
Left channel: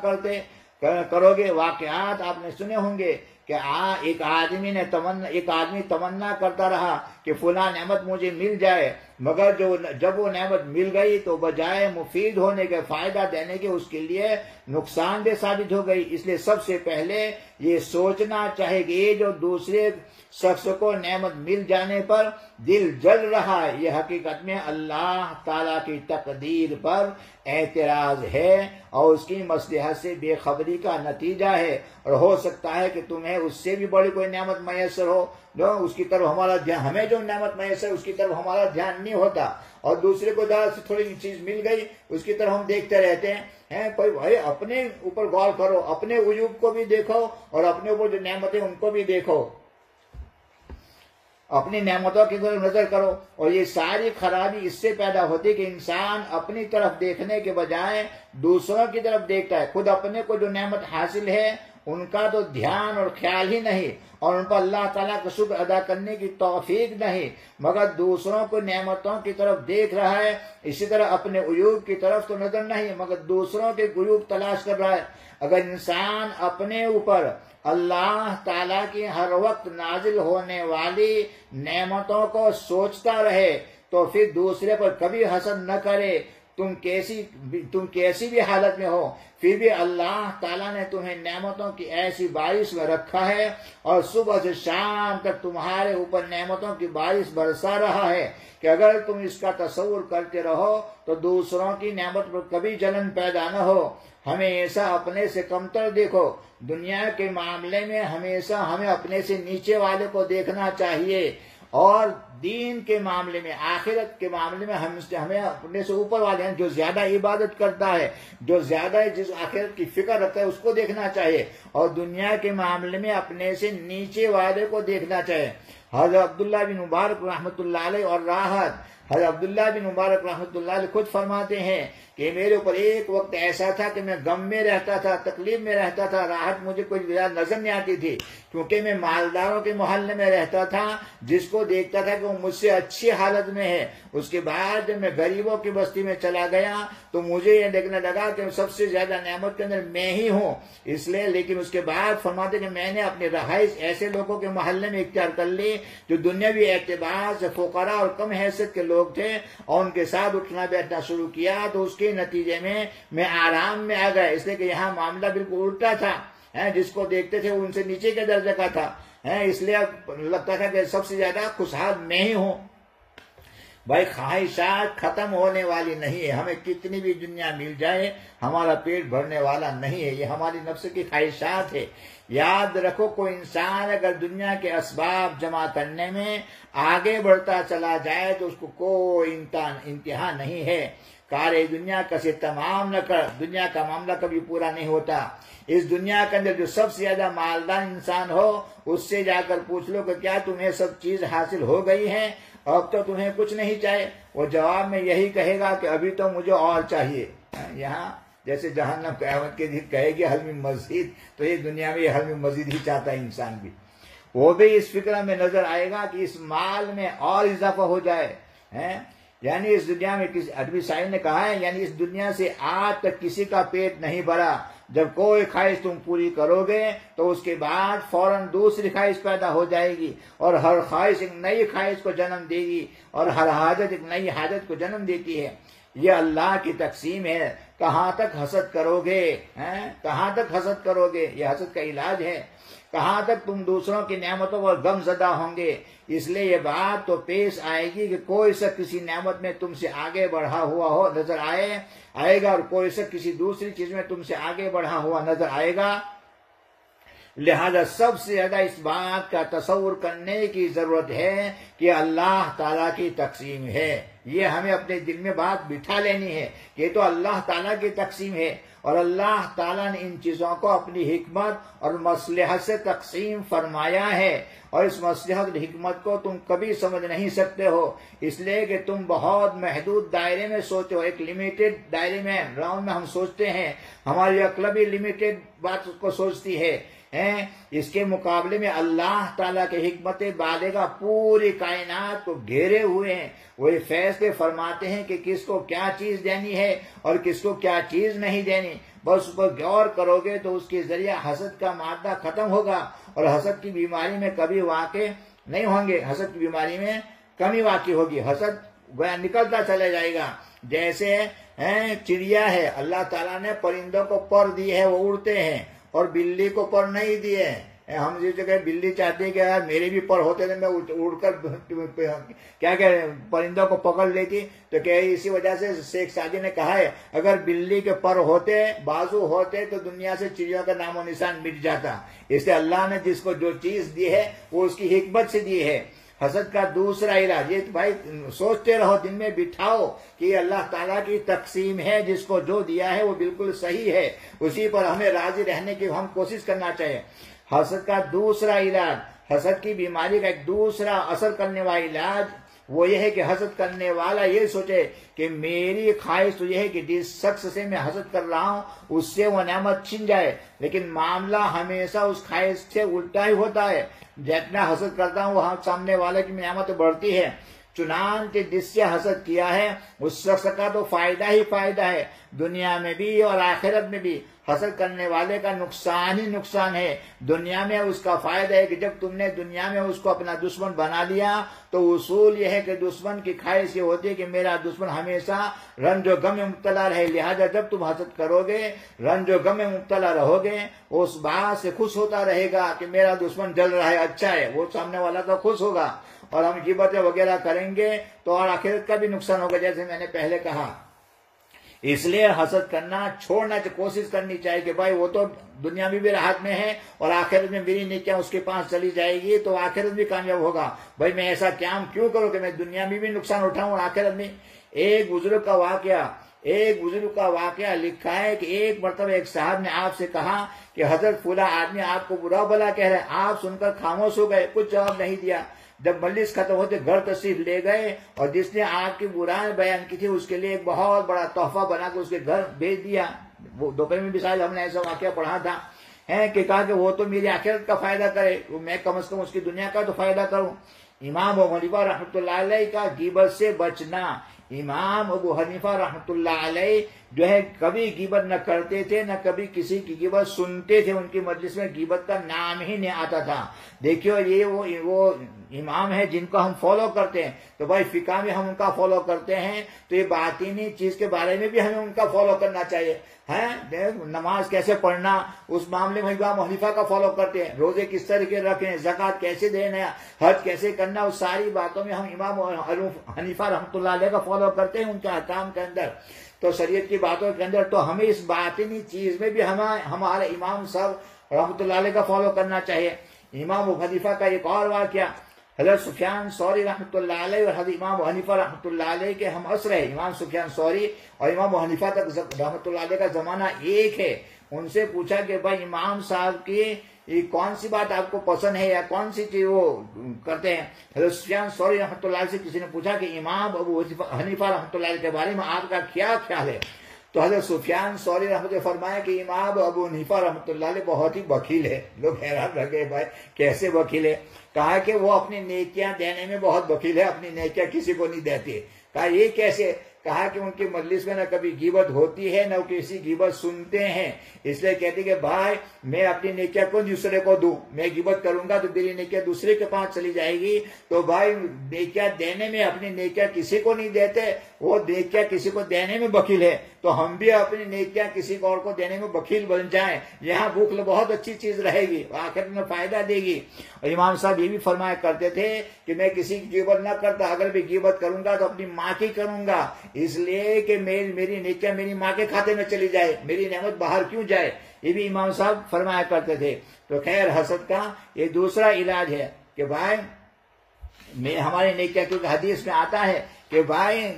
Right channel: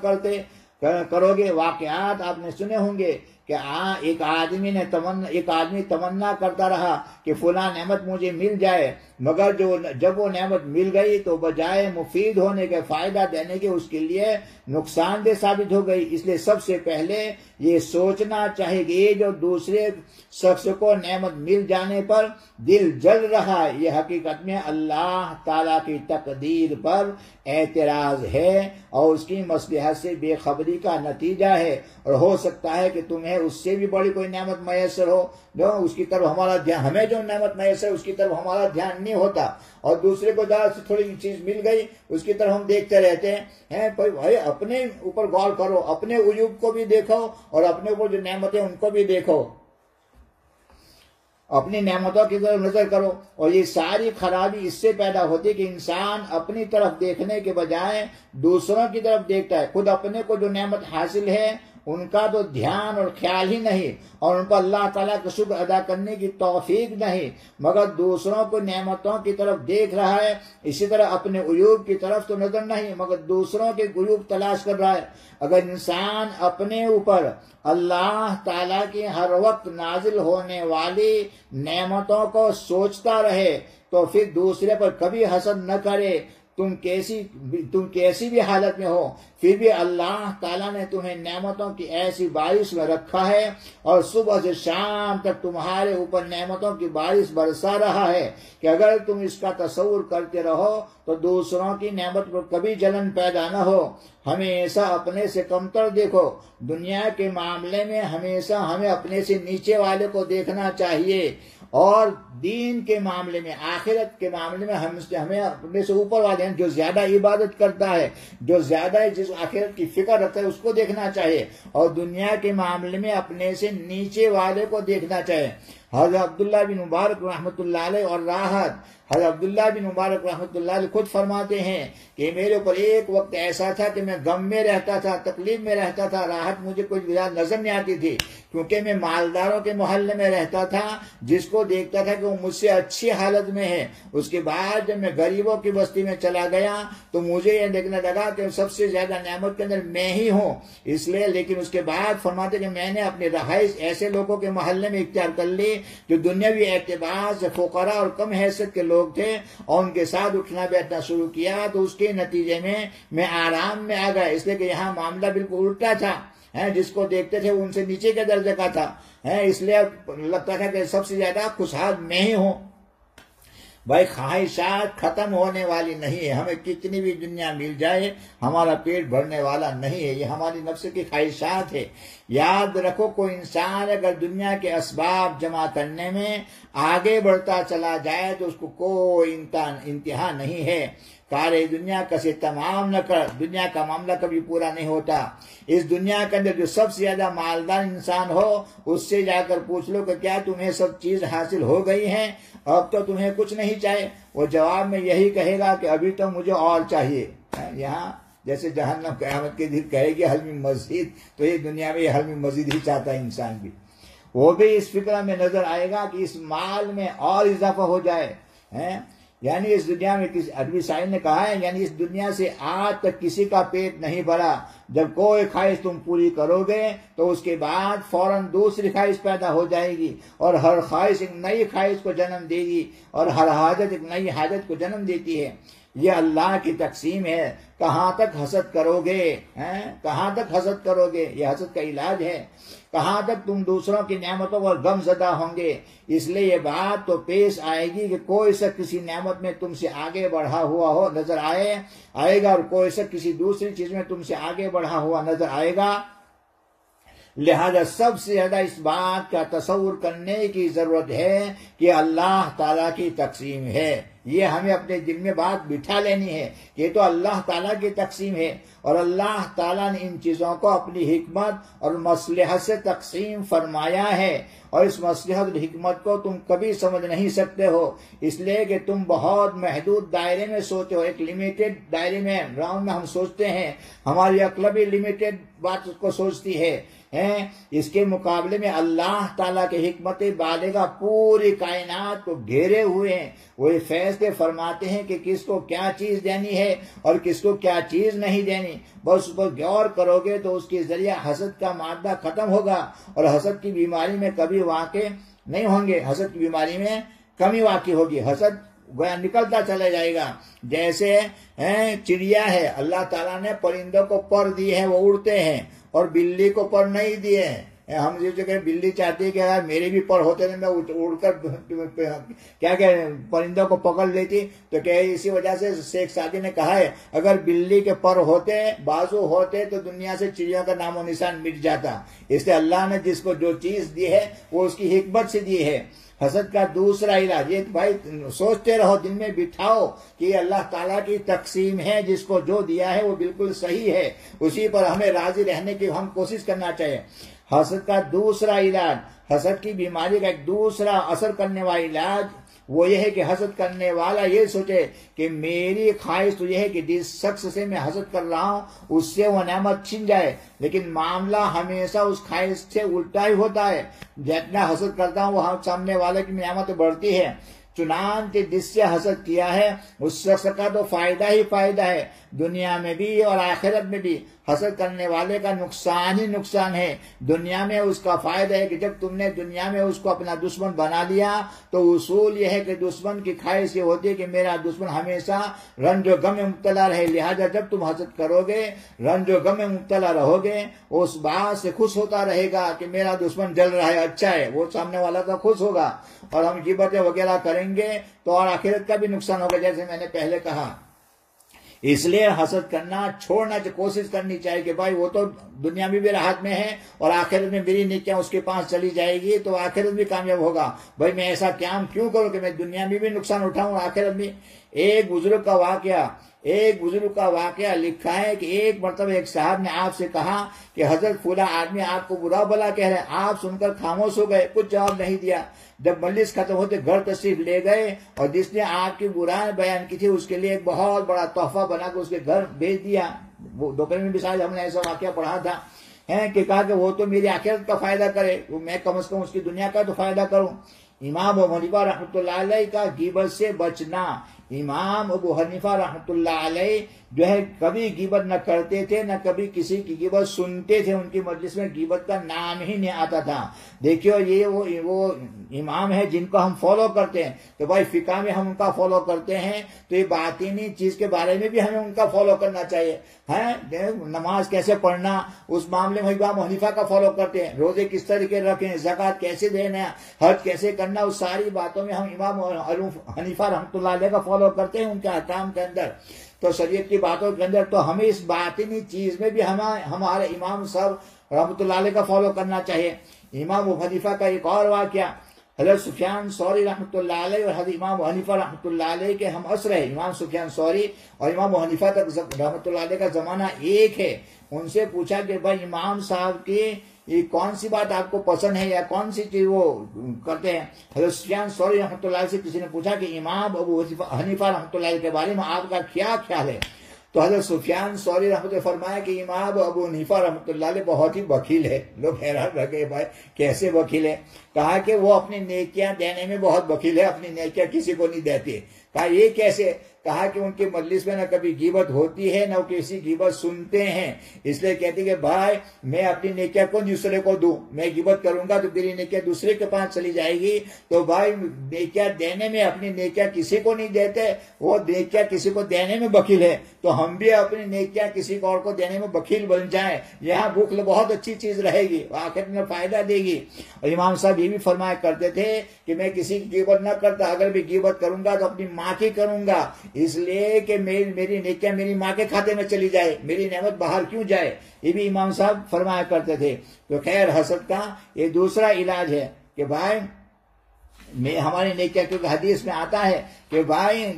کرو گے۔ واقعات آپ نے سنے ہوں گے کہ ایک آدمی تمنا کرتا رہا کہ فلاں نعمت مجھے مل جائے، مگر جب وہ نعمت مل گئی تو بجائے مفید ہونے کے فائدہ دینے کے اس کے لیے نقصان دہ ثابت ہو گئی۔ اس لیے سب سے پہلے یہ سوچنا چاہیے کہ یہ جو دوسرے شخص کو نعمت مل جانے پر دل جل رہا ہے، یہ حقیقت میں اللہ تعالیٰ کی تقدیر پر اعتراض ہے اور اس کی مصلحت سے بے خبری کا نتیجہ ہے، اور ہو سکتا ہے کہ تمہیں اس سے بھی بڑی کوئی نعمت میسر ہو، اس کی طرف ہمارا دھیان، ہمیں جو نعمت میسر اس کی طرف ہمارا دھیان نہیں ہوتا، اور دوسرے کو جہاں سے تھوڑی چیز مل گئی اس کی طرف ہم دیکھتے رہتے ہیں۔ بھائی اپنے اوپر غور کرو، اپنے عیوب کو بھی دیکھو اور اپنے اوپر جو نعمتیں ان کو بھی دیکھو، اپنی نعمتوں کی طرف نظر کرو۔ اور یہ ساری خرابی اس سے پیدا ہوتی ہے کہ انسان اپنی طرف دیکھنے کے بجائے دوسروں کی طرف دیکھتا ہے، خود اپنے کو جو نعمت حاصل ہے ان کا تو دھیان اور خیال ہی نہیں، اور ان پر اللہ تعالیٰ کا شکر ادا کرنے کی توفیق نہیں، مگر دوسروں کو نعمتوں کی طرف دیکھ رہا ہے۔ اسی طرح اپنے عیوب کی طرف تو نظر نہیں مگر دوسروں کے عیوب تلاش کر رہا ہے۔ اگر انسان اپنے اوپر اللہ تعالیٰ کی ہر وقت نازل ہونے والی نعمتوں کو سوچتا رہے تو پھر دوسرے پر کبھی حسد نہ کرے۔ تم کیسی بھی حالت میں ہو پھر بھی اللہ تعالیٰ نے تمہیں نعمتوں کی ایسی بارش میں رکھا ہے اور صبح سے شام تک تمہارے اوپر نعمتوں کی بارش برسا رہا ہے کہ اگر تم اس کا تصور کرتے رہو تو دوسروں کی نعمت پر کبھی جلن پیدا نہ ہو۔ ہمیشہ اپنے سے کمتر دیکھو۔ دنیا کے معاملے میں ہمیشہ ہمیں اپنے سے نیچے والے کو دیکھنا چاہیے، اور دین کے معاملے میں، آخرت کے معاملے میں ہمیں اپنے سے اوپر والے ہیں، جو زیادہ عبادت کرتا ہے، جو زیادہ جس آخرت کی فکر رکھتا ہے اس کو دیکھنا چاہیے، اور دنیا کے معاملے میں اپنے سے نیچے والے کو دیکھنا چاہیے۔ حضرت عبداللہ بن مبارک رحمۃ اللہ علیہ اور راحت، حضرت عبداللہ بن مبارک رحمۃ اللہ علیہ خود فرماتے ہیں کہ میرے اوپر ایک وقت ایسا تھا کہ میں غم میں رہتا تھا، تکلیف میں رہتا تھا، راحت مجھے کوئی نظر نہیں آتی تھی، کیونکہ میں مالداروں کے محلے میں رہتا تھا، جس کو دیکھتا تھا کہ وہ مجھ سے اچھی حالت میں ہے۔ اس کے بعد جب میں غریبوں کی بستی میں چلا گیا تو مجھے یہ دیکھنے لگا کہ سب سے زیادہ نعمت کے اندر میں ہی ہوں، اس لیے لیکن اس کے بعد فرماتے کہ میں نے اپنی رہائش ایسے لوگوں کے محلے میں اختیار کر لی جو دنیاوی اعتبار سے فقراء اور کم حیثیت کے لوگ تھے اور ان کے ساتھ اٹھنا بیٹھنا شروع کیا تو اس کے نتیجے میں آرام میں آ گیا، اس لیے کہ یہاں معاملہ بالکل الٹا تھا، جس کو دیکھتے تھے ان سے نیچے کے درجے کا تھا، اس لیے لگتا تھا کہ سب سے زیادہ خوشحال میں ہی ہوں۔ بھائی خواہشات ختم ہونے والی نہیں ہے، ہمیں کتنی بھی دنیا مل جائے ہمارا پیٹ بھرنے والا نہیں ہے، یہ ہماری نفس کی خواہشات ہے۔ یاد رکھو کوئی انسان اگر دنیا کے اسباب جمع کرنے میں آگے بڑھتا چلا جائے تو اس کو کوئی انتہا نہیں ہے۔ کار دنیا کسے تمام نہ کر، دنیا کا معاملہ کبھی پورا نہیں ہوتا۔ اس دنیا کے اندر جو سب سے زیادہ مالدار انسان ہو اس سے جا کر پوچھ لو کہ کیا تمہیں سب چیز حاصل ہو گئی ہے، اب تو تمہیں کچھ نہیں چاہیے، وہ جواب میں یہی کہے گا کہ ابھی تو مجھے اور چاہیے۔ یہاں جیسے جہنم قیامت کے دن کہے گی حل من مزید، تو یہ دنیا میں حل من مزید ہی چاہتا ہے انسان بھی، وہ بھی اس فکر میں نظر آئے گا کہ اس مال میں اور اضافہ ہو جائے۔ یعنی اس دنیا میں کسی عربی شاعر نے کہا ہے، یعنی اس دنیا سے آج تک کسی کا پیٹ نہیں بھرا، جب کوئی خواہش تم پوری کرو گے تو اس کے بعد فوراً دوسری خواہش پیدا ہو جائے گی، اور ہر خواہش ایک نئی خواہش کو جنم دے گی، اور ہر حاجت ایک نئی حاجت کو جنم دیتی ہے۔ یہ اللہ کی تقسیم ہے۔ کہاں تک حسد کرو گے، کہاں تک حسد کرو گے، یہ حسد کا علاج ہے۔ کہاں تک تم دوسروں کی نعمتوں پر غم زدہ ہوں گے۔ اس لیے یہ بات تو پیش آئے گی کہ کوئی شخص کسی نعمت میں تم سے آگے بڑھا ہوا ہو نظر آئے گا، اور کوئی شخص کسی دوسری چیز میں تم سے آگے بڑھا ہوا نظر آئے گا۔ لہذا سب سے زیادہ اس بات کا تصور کرنے کی ضرورت ہے کہ اللہ تعالیٰ کی تقسیم ہے۔ یہ ہمیں اپنے دل میں بات بٹھا لینی ہے کہ یہ تو اللہ تعالیٰ کی تقسیم ہے، اور اللہ تعالیٰ نے ان چیزوں کو اپنی حکمت اور مصلحت سے تقسیم فرمایا ہے، اور اس مصلحت اور حکمت کو تم کبھی سمجھ نہیں سکتے ہو، اس لیے کہ تم بہت محدود دائرے میں سوچو، ایک لمیٹڈ دائرے میں راؤنڈ میں ہم سوچتے ہیں، ہماری عقل بھی لمیٹڈ بات کو سوچتی ہے۔ اس کے مقابلے میں اللہ تعالیٰ کے حکمت بالغہ پوری کائنات کو گھیرے ہوئے ہیں، وہ یہ فیصلے فرماتے ہیں کہ کس کو کیا چیز دینی ہے اور کس کو کیا چیز نہیں دینی۔ بس اس پر غور کرو گے تو اس کے ذریعہ حسد کا مادہ ختم ہوگا، اور حسد کی بیماری میں کبھی واقع نہیں ہوں گے، حسد کی بیماری میں کمی واقع ہوگی، حسد گویا نکلتا چلے جائے گا۔ جیسے چڑیا ہے، اللہ تعالیٰ نے پرندوں کو پر دی ہے، وہ اڑتے ہیں، اور بلی کو پر نہیں دیے۔ ہم جو کہ بلی چاہتی ہے کہ اگر میرے بھی پر ہوتے تو میں اڑ کر کیا کہ پرندوں کو پکڑ لیتی، تو کہ اسی وجہ سے شیخ سعدی نے کہا ہے اگر بلی کے پر ہوتے، بازو ہوتے، تو دنیا سے چڑیوں کا نام و نشان مٹ جاتا۔ اس لیے اللہ نے جس کو جو چیز دی ہے وہ اس کی حکمت سے دی ہے۔ حسد کا دوسرا علاج یہ بھائی سوچتے رہو، دل میں بٹھاؤ کہ یہ اللہ تعالیٰ کی تقسیم ہے، جس کو جو دیا ہے وہ بالکل صحیح ہے، اسی پر ہمیں راضی رہنے کی ہم کوشش کرنا چاہیے۔ حسد کا دوسرا علاج، حسد کی بیماری کا ایک دوسرا اثر کرنے والا علاج وہ یہ ہے کہ حسد کرنے والا یہ سوچے کہ میری خواہش تو یہ ہے کہ جس شخص سے میں حسد کر رہا ہوں اس سے وہ نعمت چھن جائے، لیکن معاملہ ہمیشہ اس خواہش سے الٹا ہی ہوتا ہے۔ جتنا حسد کرتا ہوں وہ سامنے والے کی نعمت بڑھتی ہے، چنانچہ جس سے حسد کیا ہے اس شخص کا تو فائدہ ہی فائدہ ہے، دنیا میں بھی اور آخرت میں بھی۔ حسد کرنے والے کا نقصان ہی نقصان ہے۔ دنیا میں اس کا فائدہ ہے کہ جب تم نے دنیا میں اس کو اپنا دشمن بنا لیا تو اصول یہ ہے کہ دشمن کی خواہش یہ ہوتی ہے کہ میرا دشمن ہمیشہ رنج و غم میں مبتلا رہے، لہذا جب تم حسد کرو گے، رنج و غم میں مبتلا رہو گے، اس بات سے خوش ہوتا رہے گا کہ میرا دشمن جل رہا ہے، اچھا ہے، وہ سامنے والا تو خوش ہوگا، اور ہم غیبتیں وغیرہ کریں گے تو اور آخرت کا بھی نقصان ہوگا، جیسے میں نے پہلے کہا۔ اس لیے حسد کرنا چھوڑنا کوشش کرنی چاہیے کہ بھائی وہ تو دنیا میں بھی راحت میں ہے اور آخرت میں میری نیکیاں اس کے پاس چلی جائے گی تو آخرت بھی کامیاب ہوگا۔ بھائی میں ایسا کام کیوں کروں کہ میں دنیا میں بھی نقصان اٹھاؤں آخرت میں۔ ایک بزرگ کا واقعہ لکھا ہے کہ ایک مرتبہ ایک صاحب نے آپ سے کہا کہ حضرت فلاں آدمی آپ کو برا بھلا کہہ رہے ہیں، آپ سن کر خاموش ہو گئے، کچھ جواب نہیں دیا۔ جب مجلس ختم ہوتے گھر تشریف لے گئے اور جس نے آپ کی برائی بیان کی تھی اس کے لیے ایک بہت بڑا تحفہ بنا کے اس کے گھر بھیج دیا۔ وہ دوپہر میں بھی شاید ہم نے ایسا واقعہ پڑھا تھا کہ کہا کہ وہ تو میری آخرت کا فائدہ کرے، میں کم از کم اس کی دنیا کا تو فائدہ کروں۔ امام ابو حنیفہ رحمۃ اللہ علیہ کا غیبت سے بچنا، امام ابو حنیفہ رحمۃ اللہ علیہ جو ہے کبھی غیبت نہ کرتے تھے نہ کبھی کسی کی غیبت سنتے تھے، ان کی مجلس میں غیبت کا نام ہی نہیں آتا تھا۔ دیکھیو یہ وہ امام ہے جن کو ہم فالو کرتے ہیں، تو بھائی فقہ میں ہم ان کا فالو کرتے ہیں، تو یہ باطنی چیز کے بارے میں بھی ہمیں ان کا فالو کرنا چاہیے۔ نماز کیسے پڑھنا اس معاملے میں امام حنیفہ کا فالو کرتے ہیں، روزے کس طریقے رکھیں، زکوٰۃ کیسے دینا، حج کیسے کرنا، اس ساری باتوں میں ہم امام حنیفہ رحمۃ اللہ علیہ کا فالو کرتے ہیں ان کے احکام کے اندر، تو شریعت کی باتوں کے اندر۔ تو ہمیں اس باطنی چیز میں بھی ہمارے امام صاحب رحمۃ اللہ علیہ کا فالو کرنا چاہیے۔ امام ابو حنیفہ کا ایک اور واقعہ، حضرت سفیان ثوری رحمۃ اللہ علیہ اور حضرت امام ابو حنیفہ رحمۃ اللہ علیہ کے ہم عصر ہے، امام سفیان ثوری اور امام ابو حنیفہ تک رحمۃ اللہ علیہ کا زمانہ ایک ہے۔ ان سے پوچھا کہ بھائی امام صاحب کی یہ کون سی بات آپ کو پسند ہے یا کون سی چیز وہ کرتے ہیں؟ حضرت سفیان ثوری رحمۃ اللہ علیہ سے کسی نے پوچھا کہ امام ابو حنیفہ رحمۃ اللہ علیہ کے بارے میں آپ کا کیا خیال ہے؟ تو حضرت سفیان ثوری رحمۃ اللہ فرمایا کہ امام ابو حنیفہ رحمۃ اللہ علیہ بہت ہی بخیل ہے۔ لوگ حیران رہ گئے، بھائی کیسے بخیل ہے؟ کہا کہ وہ اپنی نیکیاں دینے میں بہت بخیل ہے، اپنی نیکیاں کسی کو نہیں دیتے۔ کہا یہ کیسے؟ کہا کہ ان کی مجلس میں نہ کبھی غیبت ہوتی ہے نہ کسی غیبت سنتے ہیں، اس لیے کہتے کہ بھائی میں اپنی نیکیاں کو دوسرے کو دوں، میں غیبت کروں گا تو میری نیکیاں دوسرے کے پاس چلی جائے گی، تو بھائی نیکیاں دینے میں اپنی نیکیاں کسی کو نہیں دیتے، وہ نیکیاں کسی کو دینے میں بخیل ہے، تو ہم بھی اپنی نیکیاں کسی اور کو دینے میں بخیل بن جائیں، یہاں بھوک بہت اچھی چیز رہے گی، آخر میں فائدہ دے گی۔ اور امام صاحب یہ بھی فرمایا کرتے تھے کہ میں کسی کی غیبت نہ کرتا، اگر بھی غیبت کروں گا تو اپنی ماں کی کروں گا، اس لیے کہ میری نیکیاں میری ماں کے کھاتے میں چلی جائے، میری نعمت باہر کیوں جائے، یہ بھی امام صاحب فرمایا کرتے تھے۔ تو خیر حسد کا یہ دوسرا علاج ہے کہ بھائی ہماری نیکیاں، کیونکہ حدیث میں آتا ہے کہ بھائی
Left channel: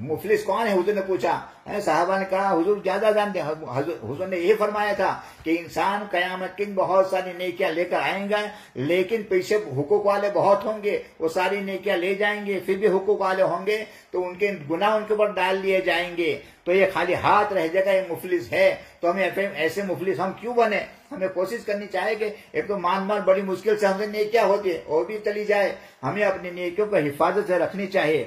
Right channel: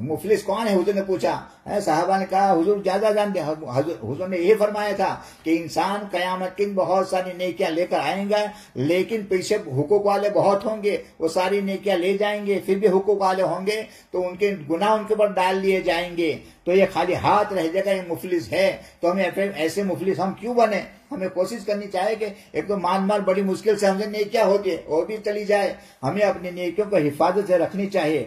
مفلس کون ہے؟ حضور نے پوچھا، صحابہ نے کہا حضور زیادہ جانتے ہیں۔ حضور نے یہ فرمایا تھا کہ انسان قیامت کے دن بہت ساری نیکیاں لے کر آئیں گا، لیکن پیچھے حقوق والے بہت ہوں گے، وہ ساری نیکیاں لے جائیں گے، پھر بھی حقوق والے ہوں گے تو ان کے گناہ ان کے اوپر ڈال دیے جائیں گے، تو یہ خالی ہاتھ رہ جائے گا، یہ مفلس ہے۔ تو ہمیں ایسے مفلس ہم کیوں بنے؟ ہمیں کوشش کرنی چاہیے کہ ایک تو مان بڑی مشکل سے ہم سے نیکیاں ہوتی ہے اور بھی چلی جائے، ہمیں اپنی نیکیوں کو حفاظت سے رکھنی چاہیے۔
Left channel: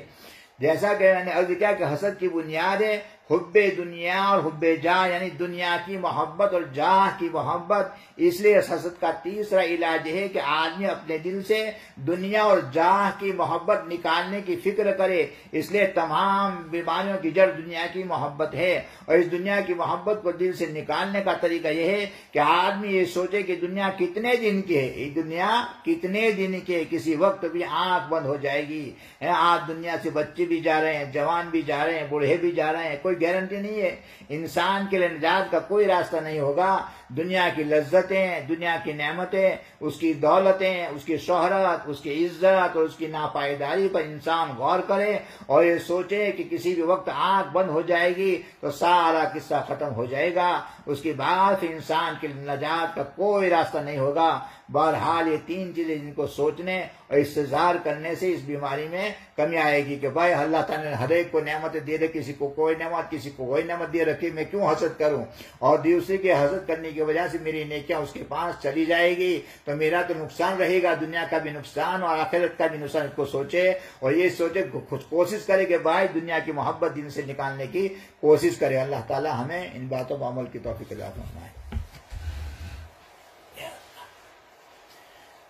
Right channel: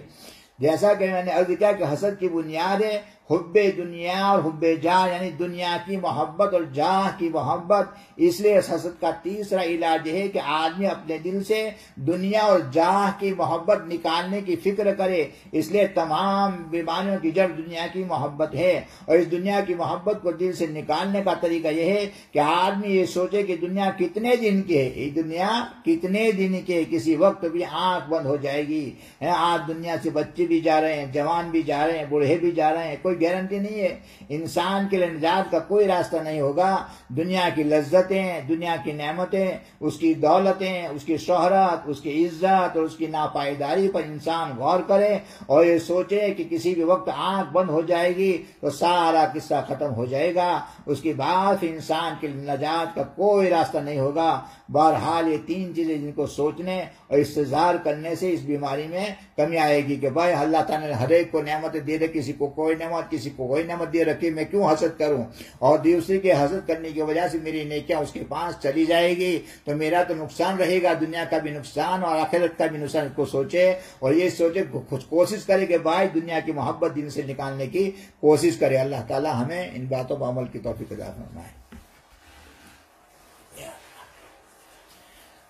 جیسا کہ میں نے عرض کیا کہ حسد کی بنیاد ہے حب دنیا اور حب جاہ، یعنی دنیا کی محبت اور جاہ کی محبت۔ اس لیے اس حسد کا تیسرا علاج ہے کہ آدمی اپنے دل سے دنیا اور جاہ کی محبت نکالنے کی فکر کرے۔ اس لیے تمام بیماریوں کی جڑ دنیا کی محبت ہے، اور اس دنیا کی محبت کو دل سے نکالنے کا طریقہ یہ ہے کہ آدمی یہ سوچے کہ دنیا کتنے دن کی ہے، یہ دنیا کتنے دن کی ہے، کسی وقت بھی آنکھ بند ہو جائے گی۔ آج دنیا سے بچے بھی جا رہے ہیں، جوان بھی جا رہے ہیں، بوڑھے بھی جا رہے ہیں، کوئی گارنٹی نہیں ہے، انسان کے لیے نجات کا کوئی راستہ نہیں ہوگا۔ دنیا کی لذتیں، دنیا کی نعمتیں، اس کی دولتیں، اس کی شہرت، اس کی عزت اور اس کی ناپائیداری پر انسان غور کرے اور یہ سوچے کہ کسی بھی وقت آنکھ بند ہو جائے گی تو سارا قصہ ختم ہو جائے گا، اس کے بعد پھر انسان کے لیے نجات کا کوئی راستہ نہیں ہوگا۔ بہرحال یہ تین چیزیں جن کو سوچنے اور استظہار کرنے سے اس بیماری میں کمی آئے گی کہ بھائی اللہ تعالیٰ نے ہر ایک کو نعمتیں دے رکھی، کسی کو کوئی نعمت، کسی کو کوئی نعمت دے رکھی، میں کیوں حسد کروں؟ اور دوسرے کے حسد کرنے کی وجہ سے میری نیکیاں اس کے پاس چلی جائے گی تو میرا تو نقصان رہے گا، دنیا کا بھی نقصان اور آخرت کا بھی نقصان۔ اس کو سوچے اور یہ سوچے، کوشش کرے کہ بھائی دنیا کی محبت دل سے نکالنے کی کوشش کرے۔ اللہ تعالیٰ ہمیں ان باتوں پر عمل کی توفیق عطا فرمائے۔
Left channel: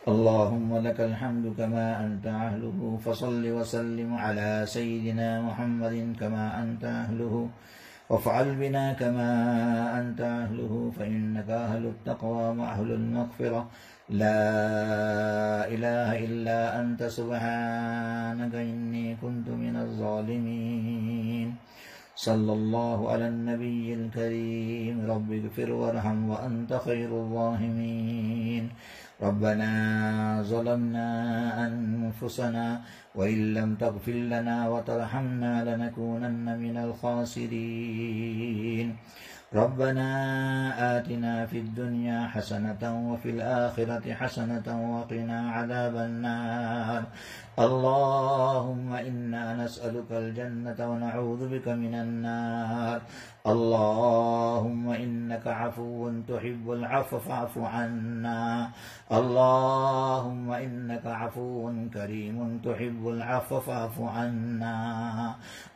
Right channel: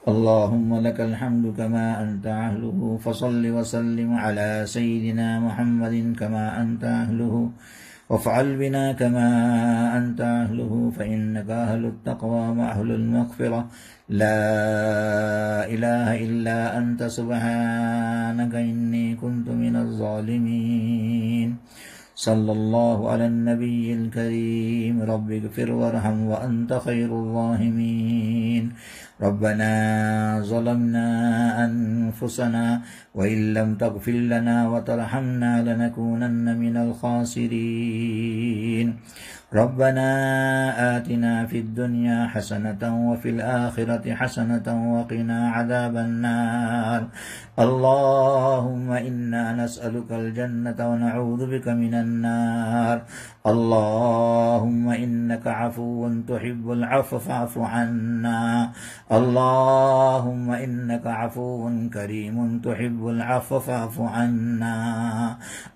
اللهم لك الحمد كما أنت أهله، فصل وسلم على سيدنا محمد كما أنت أهله، وافعل بنا كما أنت أهله، فإنك أهل التقوى وأهل المغفرة، لا إله إلا أنت سبحانك إني كنت من الظالمين۔ صلى الله على النبي الكريم، رب اغفر وارحم وأنت خير الراحمين۔ ربنا ظلمنا أنفسنا وإن لم تغفر لنا وترحمنا لنكونن من الخاسرين۔ ربنا آتنا في الدنيا حسنة وفي الآخرة حسنة وقنا عذاب النار۔ اللهم إنا نسألك الجنة ونعوذ بك من النار۔ اللهم إنك عفو تحب العفو فاعف عنا اللهم إنك عفو كريم تحب العفو فاعف عنا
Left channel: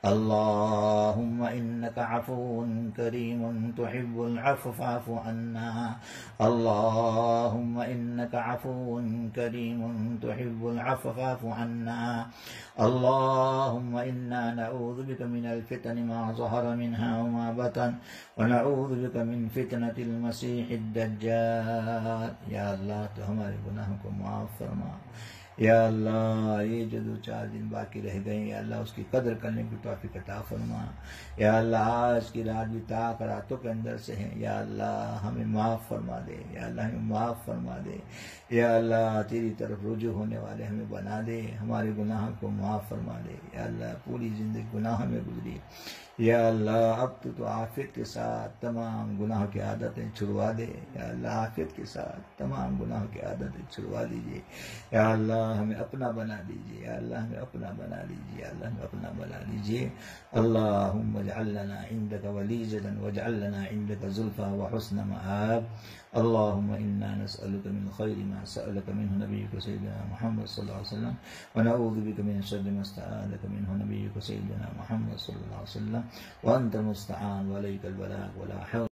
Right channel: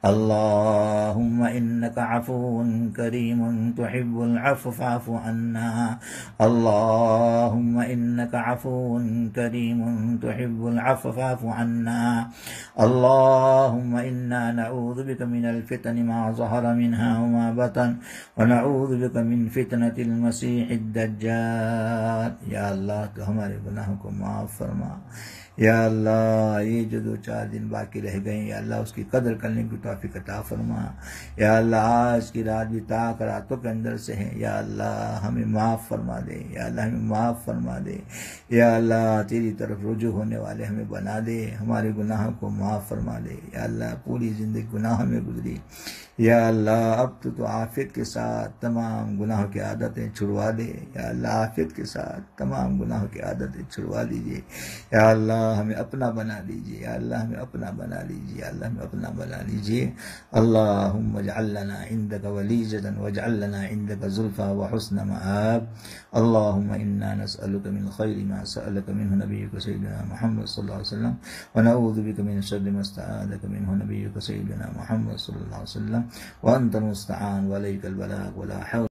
اللهم إنك عفو كريم تحب العفو فاعف عنا اللهم إنك عفو كريم تحب العفو فاعف عنا اللهم إنا نعوذ بك من الفتن ما ظهر منها وما بطن ونعوذ بك من فتنة المسيح الدجال. یا اللہ تو ہمارے گناہوں کو معاف فرما. یا اللہ یہ جو 2-4 دن باقی رہ گئے یا اللہ اس کی قدر کرنے کی توفیق عطا فرما. یا اللہ آج کی رات بھی تاک راتوں کے اندر سے ہے. یا اللہ ہمیں معاف فرما دے. یا اللہ ہمیں معاف فرما دے. یا اللہ تیری طرف رجوع ہونے والے ہمیں بنا دے. ہمارے گناہوں کو معاف فرما دے. یا اللہ پوری زندگی گناہوں میں گزری. یا اللہ اب تو عافیت کے ساتھ تمام گناہوں کی عادتیں چھڑوا دے. یا اللہ عافیت کے ساتھ تمام گناہوں کی عادتیں چھڑوا دیجیے. یا اللہ ہمیں اپنا بنا لیجیے. یا اللہ ہمیں اپنا بنا لیجیے. یا اللہ ہمیں اپنا بنا لیجیے. اللہم اجعل لنا عندک ولیجة واجعل لنا عندک زلفى وحسن مآب. اللہم انا نسألک من خیر ما سألک منہ نبیک سیدنا محمد صلی اللہ علیہ وسلم ونعوذ بک من شر ما استعاذک منہ نبیک سیدنا محمد صلی اللہ علیہ وسلم وانت المستعان وعلیک البلاغ ولا حول